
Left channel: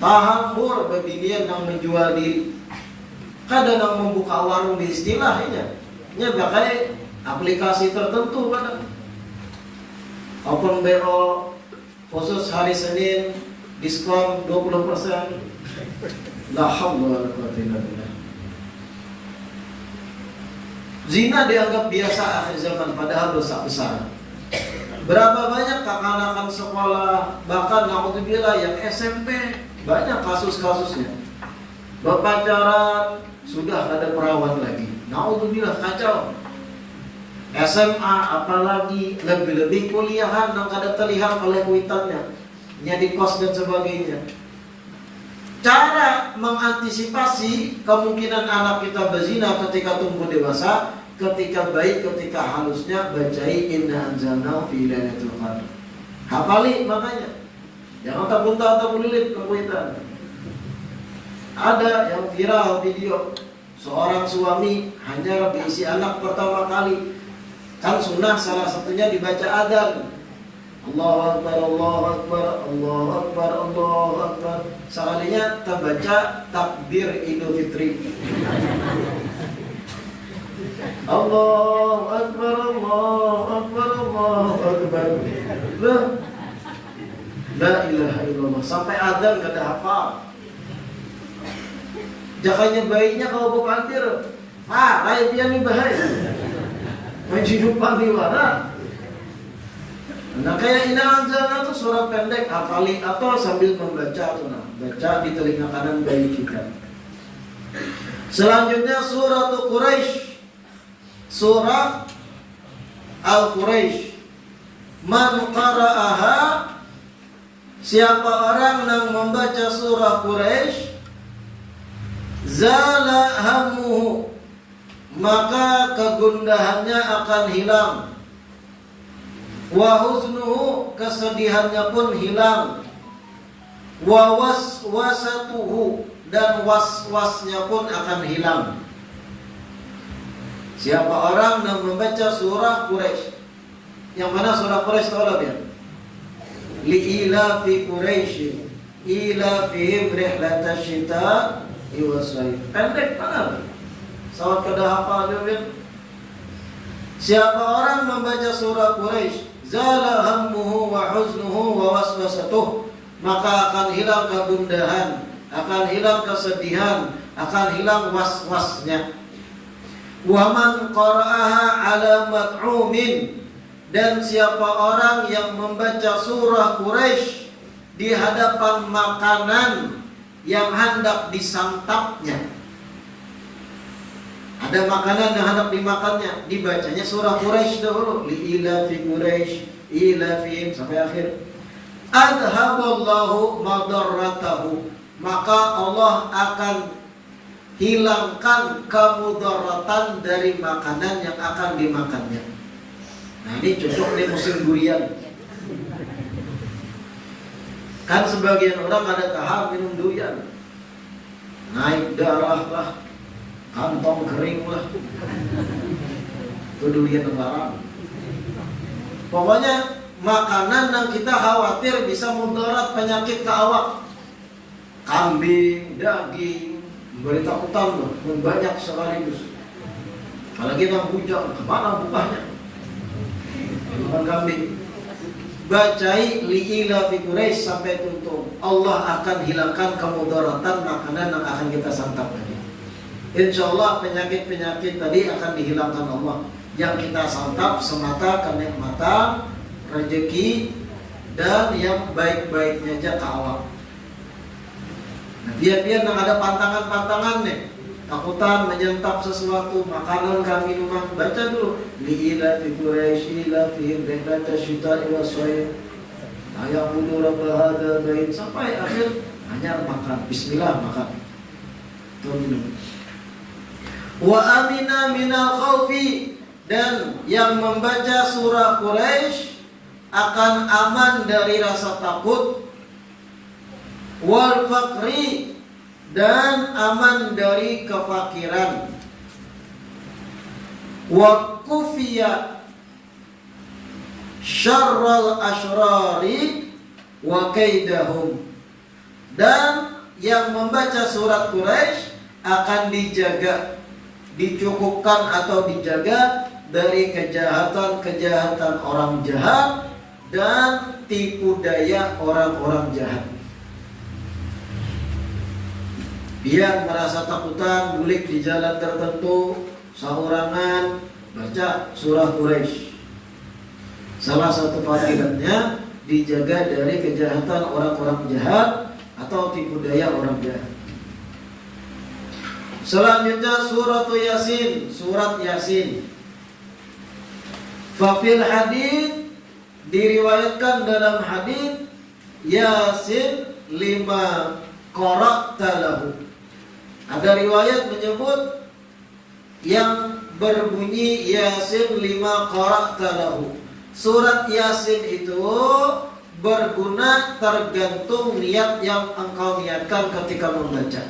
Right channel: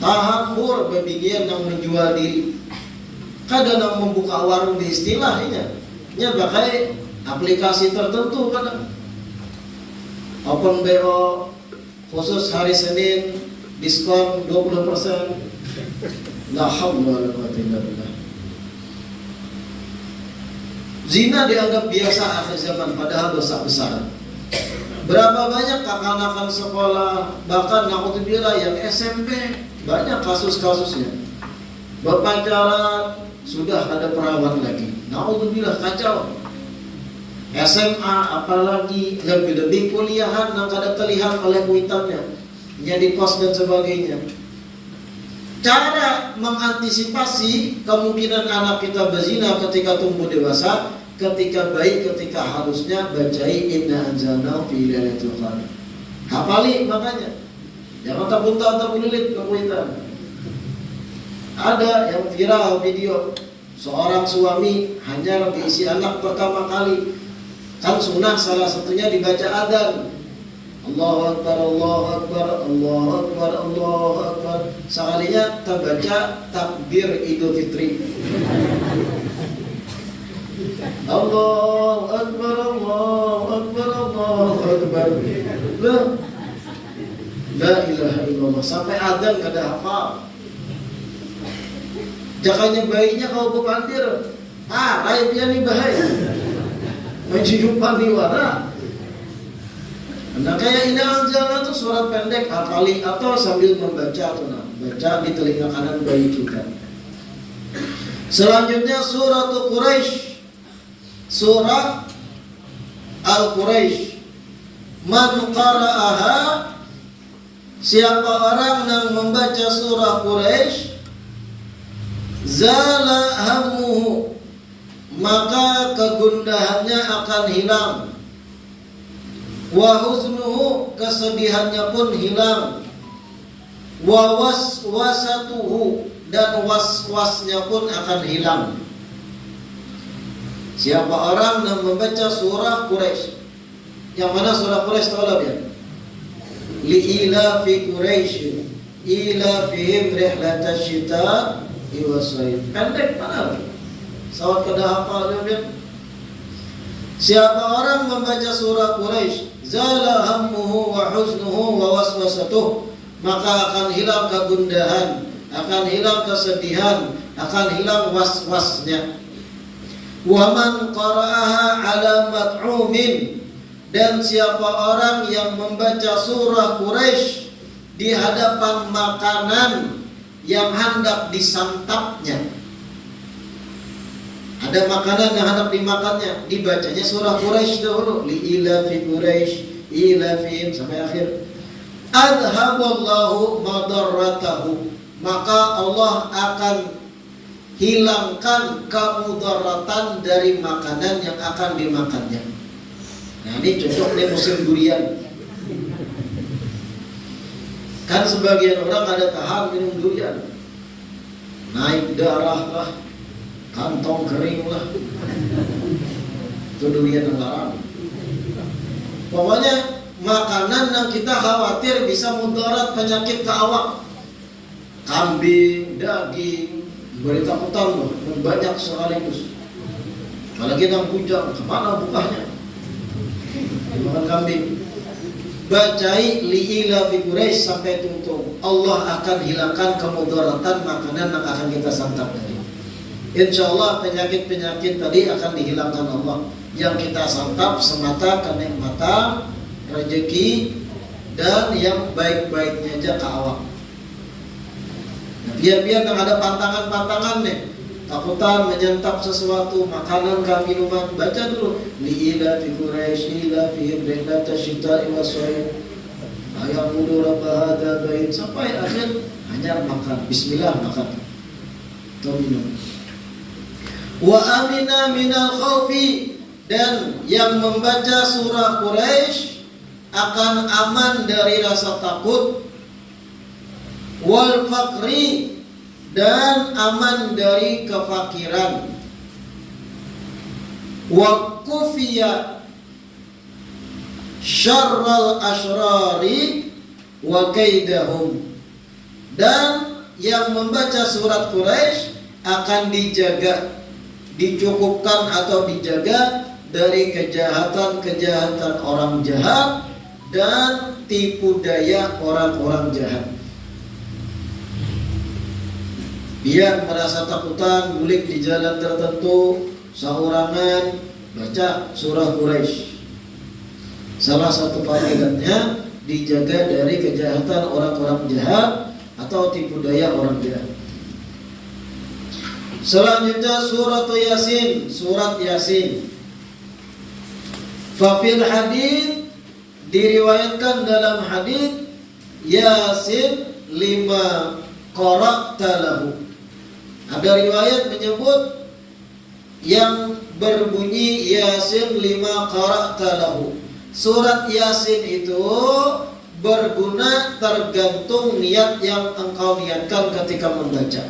Tahambur bagian yang menjual diri. Kadang yang membuka warung di istilahnya. Nya pakai aplikasi tertentu kadang. Open BO khusus hari Senin diskon 20%. La haula wala quwwata illa billah. Zina dianggap biasa akhir zaman padahal dosa besar. Berapa banyak kekanakan sekolah, bahkan naudzubillah yang SMP banyak kasus-kasusnya. Berpacaran sudah ada perawat lagi. Naudzubillah kacau. SMA apalagi lebih-lebih kuliahan yang kada terlihat oleh kuitannya, jadi kos dan sebagainya. Cara mengantisipasi kemungkinan anak kita berzina ketika tumbuh dewasa, ketika baik, ketika halusnya bacai Inna Anzalnahu fi Lailatul Qadar. Hafali makanya. Jangan tabun-tabun lilit ke kuitan. Ada yang viral video seorang suami hanya diisi anak pertama kali. Kan sunnah salah satunya dibaca adzan. Allahu Akbar, Allahu Akbar, Allahu Akbar, Allahu Akbar. Sekalinya terbaca takbir Idul Fitri. Allahu Akbar, Allahu Akbar, Allahu Akbar. La ilaha illallah. Sampai adzan kada hafal. Jakanya bayinya kau bukandir. Raya pian bahaya. Menjidupan niwara. Nah kayak Inna Anzalna itu surat pendek hafali atau sambil membaca atau baca di telinga kanan bayi kita. Selanjutnya surah Quraisy. Surah Al-Quraisy. Man qara'aha, siapa orang yang membaca surah Quraisy, zala hammuhu, maka kegundahannya akan hilang. Wa huznuhu, kesedihannya pun hilang. Wa waswasatuhu, dan was-wasnya pun akan hilang. Siapa orang yang membaca surah Quraisy, yang mana surah Quraisy tahu lah ya? Li'ila fi Quraisy ila fihim rihlatash shita'i was-sayf. Pendek mana? Sawat kada hafal dia. Siapa orang membaca surah Quraisy, zala hammuhu wa huznuhu wa waswasatuh, maka akan hilang kegundahan, akan hilang kesedihan, akan hilang was-wasnya. Wa man qara'aha 'ala mat'umin, dan siapa orang yang membaca surah Quraisy di hadapan makanan yang hendak disantapnya. Ada makanan yang hendak dimakannya, dibacanya surah Quraisy dahulu, li ila fi Quraisy ila fihim sampai akhir. Adhaballahu madarratahu, maka Allah akan hilangkan kemudaratan dari makanan yang akan dimakannya. Nah, ini cocok nih musim durian. Kan sebagian orang ada tahan minum durian, naik darah lah, kantong kering lah, itu durian lebaran. Pokoknya makanan yang kita khawatir bisa mudarat penyakit ke awak, kambing, daging, beri takutan loh, banyak sekaligus. Kalau kita bujang, kemana bukanya? Bukan kambing. Bacai li'ila fi Quraisy sampai tuntung. Allah akan hilangkan kemudaratan makanan yang akan kita santap tadi. Insya Allah penyakit-penyakit tadi akan dihilangkan Allah. Yang kita santap semata kenikmatan, rezeki, dan yang baik-baiknya aja ke awak. Nah, biar-biar yang ada pantangan-pantangan nih, takutan menyantap sesuatu, makanan ke minuman, baca dulu li'ila fi Quraisy ila fihim rihlatash shita'i was-sayf ayaqudu rabb hadza bait sampai akhir, hanya makan, bismillah makan atau minum. Wa amina minal khaufi, dan yang membaca surah Quraisy akan aman dari rasa takut, wal faqri, dan aman dari kefakiran, wa kufiya syarral asyrari wa kaidahum, dan yang membaca surat Quraisy akan dijaga, dicukupkan atau dijaga dari kejahatan-kejahatan orang jahat dan tipu daya orang-orang jahat. Dia merasa takutan, bulik di jalan tertentu, saurangan, baca surah Quraisy. Salah satu fadilatnya dijaga dari kejahatan orang-orang jahat atau tipu daya orang jahat. Selanjutnya surat Yasin, surat Yasin. Fafil hadits, diriwayatkan dalam hadits, Yasin 5 qara'ta lahu. Ada riwayat menyebut yang berbunyi Yasin 5 qara'ta lahu. Surat Yasin itu berguna tergantung niat yang engkau niatkan ketika membaca.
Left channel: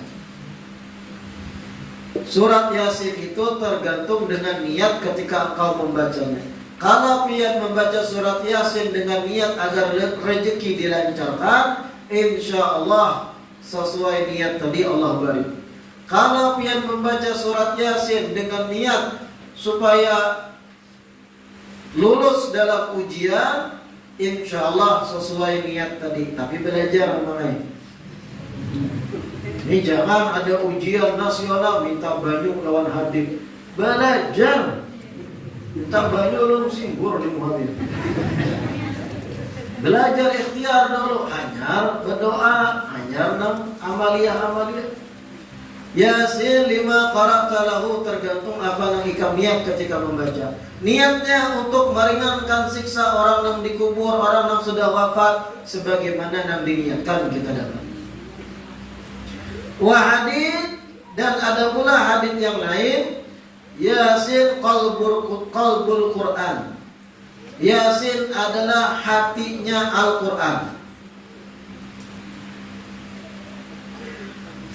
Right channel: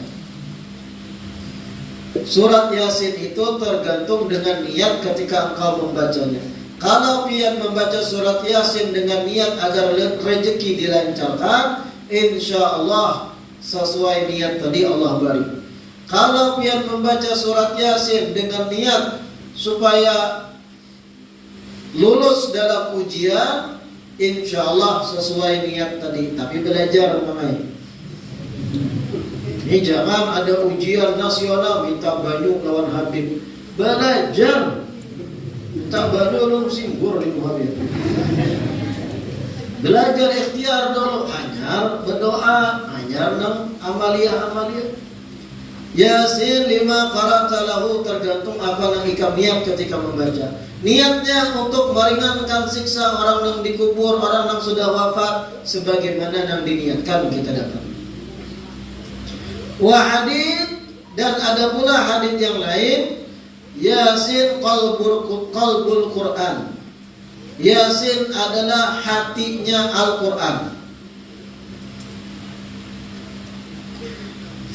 Surat Yasin itu tergantung dengan niat ketika engkau membacanya. Kalau pian membaca surat Yasin dengan niat agar rezeki dilancarkan, insya Allah sesuai niat tadi Allah beri. Kalau pian membaca surat Yasin dengan niat supaya lulus dalam ujian, insya Allah sesuai niat tadi. Tapi belajar mengenai ini, jangan ada ujian nasional minta Bandung lawan Hadim. Belajar minta Bandung lu singgur di Muhammad. Belajar ikhtiar dulu, hanya berdoa, hanya amalia-amalia. Yasin 5 qara'ta lahu, tergantung apa yang ikam niat ketika membaca. Niatnya untuk meringankan siksa orang yang dikubur, orang yang sudah wafat, sebagaimana yang diniatkan kita dapat. Wa hadits, dan ada pula hadits yang lain, Yasin qalbul Quran. Yasin adalah hatinya Al-Quran.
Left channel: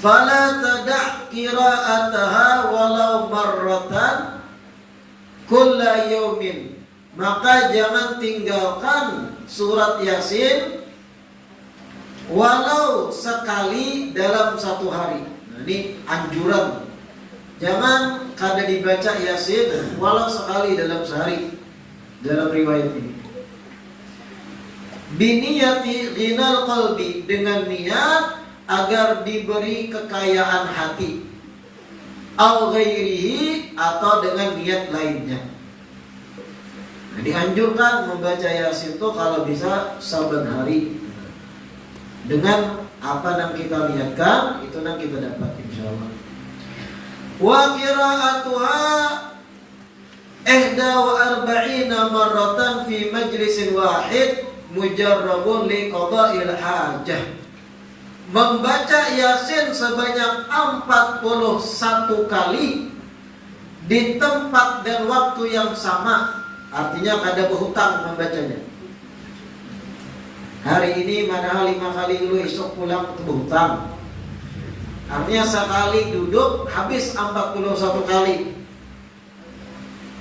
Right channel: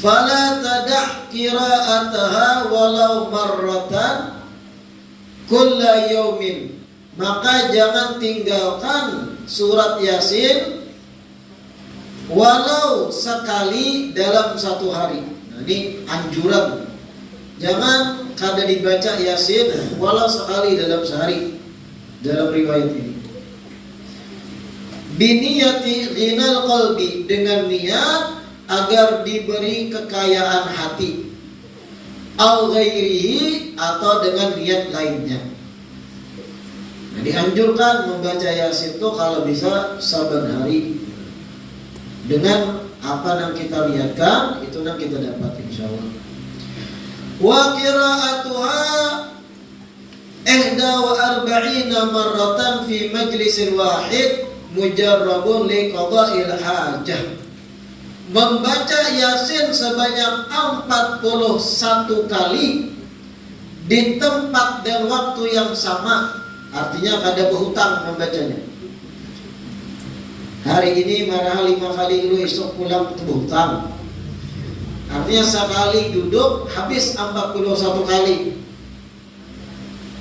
fala tada' qira'ataha walau marratan kulla yaumin, maka jangan tinggalkan surat Yasin walau sekali dalam satu hari. Nah, ini anjuran, jangan kada dibaca Yasin walau sekali dalam sehari dalam riwayat ini. Biniyati ghinal qalbi, dengan niat agar diberi kekayaan hati, au ghairihi, atau dengan niat lainnya. Nah, dianjurkan membaca Yasin itu kalau bisa saban hari dengan apa yang kita niatkan, itu yang kita dapat insyaallah. Wa qira'atuha 41 marratan fi majlisin wahid mujarrabun li qada'il hajah. Membaca Yasin sebanyak 41 kali di tempat dan waktu yang sama, artinya kada berhutang membacanya. Hari ini marah 5 kali, lu esok pulang berhutang. Artinya sekali duduk habis 41 kali.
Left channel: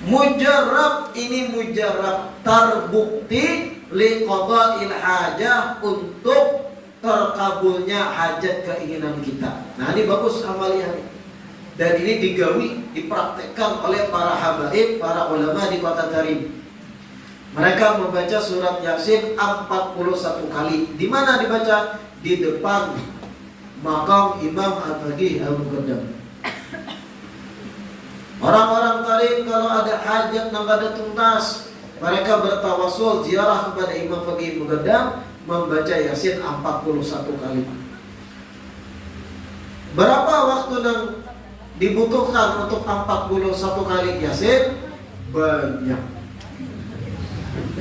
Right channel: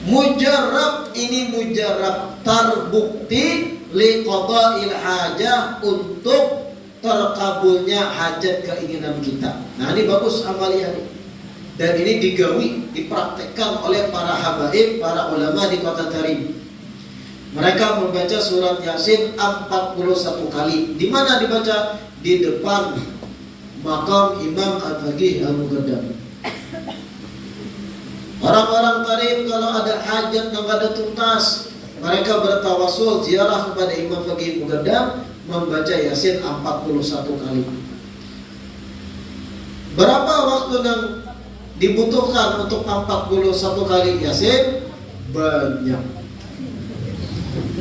Mujarrab, ini mujarrab terbukti li qada'il hajah, untuk terkabulnya hajat keinginan kita. Nah, ini bagus amalia ini. Dan ini digawi, dipraktekkan oleh para habaib, para ulama di Kota Tarim. Mereka membaca surat Yasin 41 kali. Di mana dibaca? Di depan makam Imam Al-Faqih Al-Muqaddam. Orang-orang Tarim kalau ada hajat yang kada tuntas, mereka bertawasul ziarah kepada Imam Faqih Al-Muqaddam, membaca Yasin 41 kali. Berapa waktu yang dibutuhkan untuk 41 kali Yasin? Banyak.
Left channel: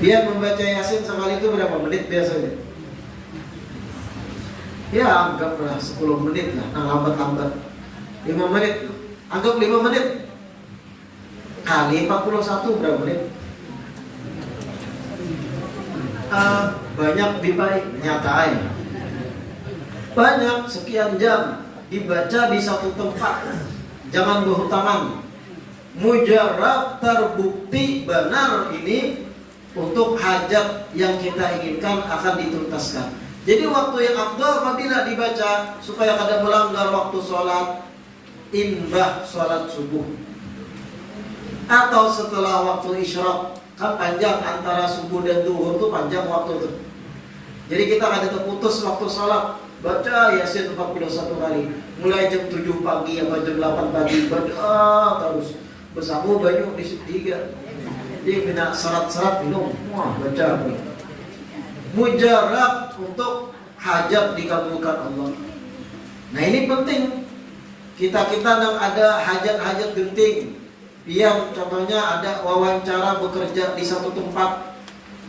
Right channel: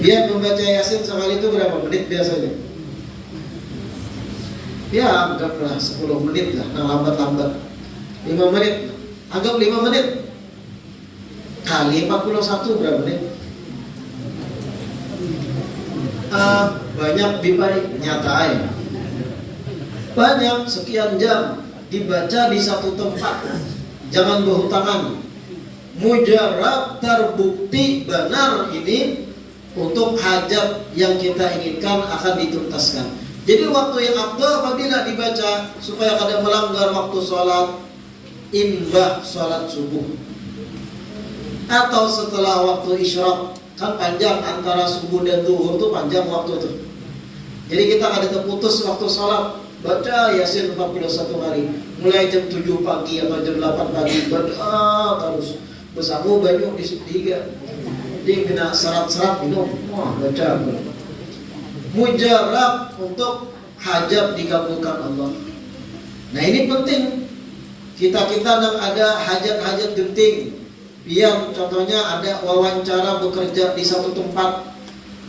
Dia membaca Yasin sekali itu berapa menit biasanya? Ya, anggaplah 10 menit lah, lambat-lambat 5 menit. Anggap 5 menit kali 41 berapa menit? Banyak lebih baik, nyata ya. Banyak, sekian jam dibaca di satu tempat. Jangan berhutangan. Mujarrab, terbukti benar ini untuk hajat yang kita inginkan akan dituntaskan. Jadi waktu yang afdal apabila dibaca supaya kada melanggar waktu sholat, imbah sholat subuh atau setelah waktu isyraq. Kan panjang antara subuh dan zuhur tuh panjang waktu tuh. Jadi kita kada terputus waktu sholat, baca Yasin 41 kali. Mulai jam 7 pagi atau jam 8 pagi baca terus. Bersama banyak di tiga. Jadi kena serat-serat minum, wah baca. Mujarab untuk hajat dikabulkan Allah. Nah ini penting. Kita-kita yang ada hajat-hajat genting, biar contohnya ada wawancara bekerja di satu tempat,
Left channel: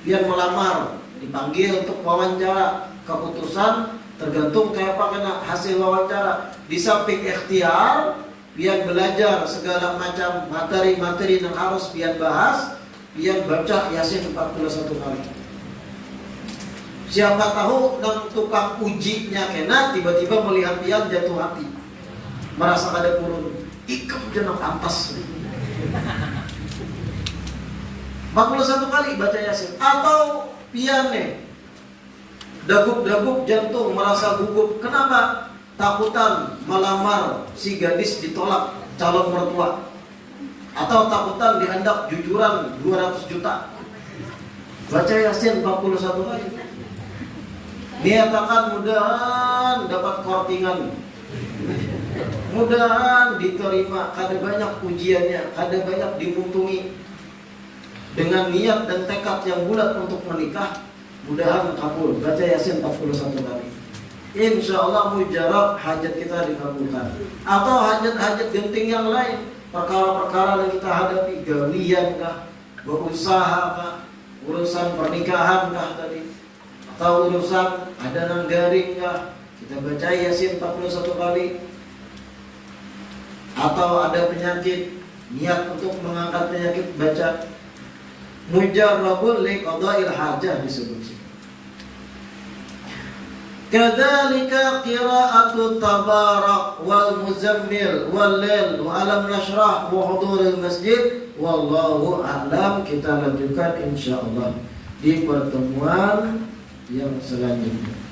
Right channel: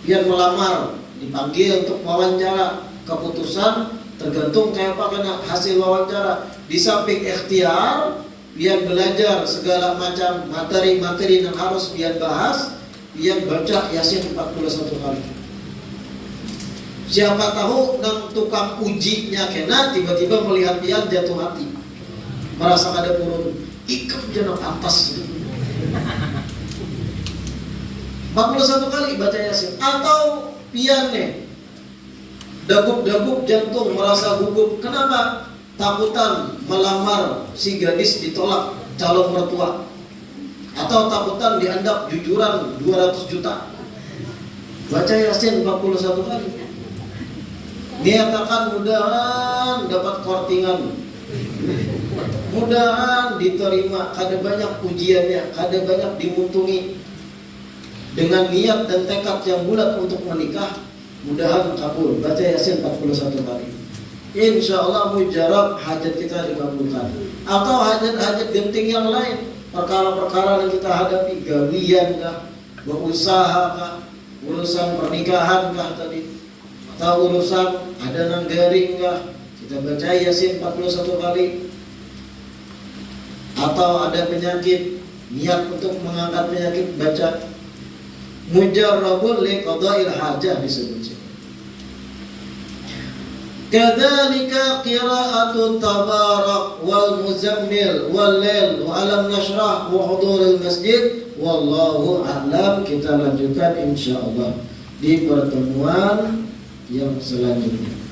biar melamar, dipanggil untuk wawancara, keputusan tergantung kayak apa kena hasil wawancara. Di samping ikhtiar, biar belajar segala macam materi-materi yang harus biar bahas, biar baca Yasin 41 kali. Siapa tahu nang tukang ujinya kena tiba-tiba melihat dia jatuh hati, merasa ada turun, ikut jenok atas. 41 kali baca Yasin. Atau pian nih, dagup-dagup jantung, merasa gugup. Kenapa? Takutan melamar si gadis ditolak calon mertua, atau takutan dianggap jujuran 200 juta. Baca Yasin 41 kali. Niatakan mudahan dapat kortingan, mudahan diterima, kada banyak ujiannya, kada banyak dimuntungi. Dengan niat dan tekad yang bulat untuk menikah, mudahan kabul. Baca Yasin 41 kali. Insya Allah mujarab hajat kita dikabulkan. Atau hajat-hajat genting yang lain, perkara-perkara yang kita hadapi, gawian kah, berusaha kah, urusan pernikahan kah tadi, atau urusan ada nang garing kah, kita baca Yasin 41 kali. Atau ada penyakit, niat untuk mengangkat penyakit, baca mujarrabun li qada'il hajah disebut. Kadzalika qira'atu tabarak wal muzammil wal lail wa alam nashrah wa huduril masjid. Wallahu a'lam. Kita lanjutkan insyaallah di pertemuan yang selanjutnya.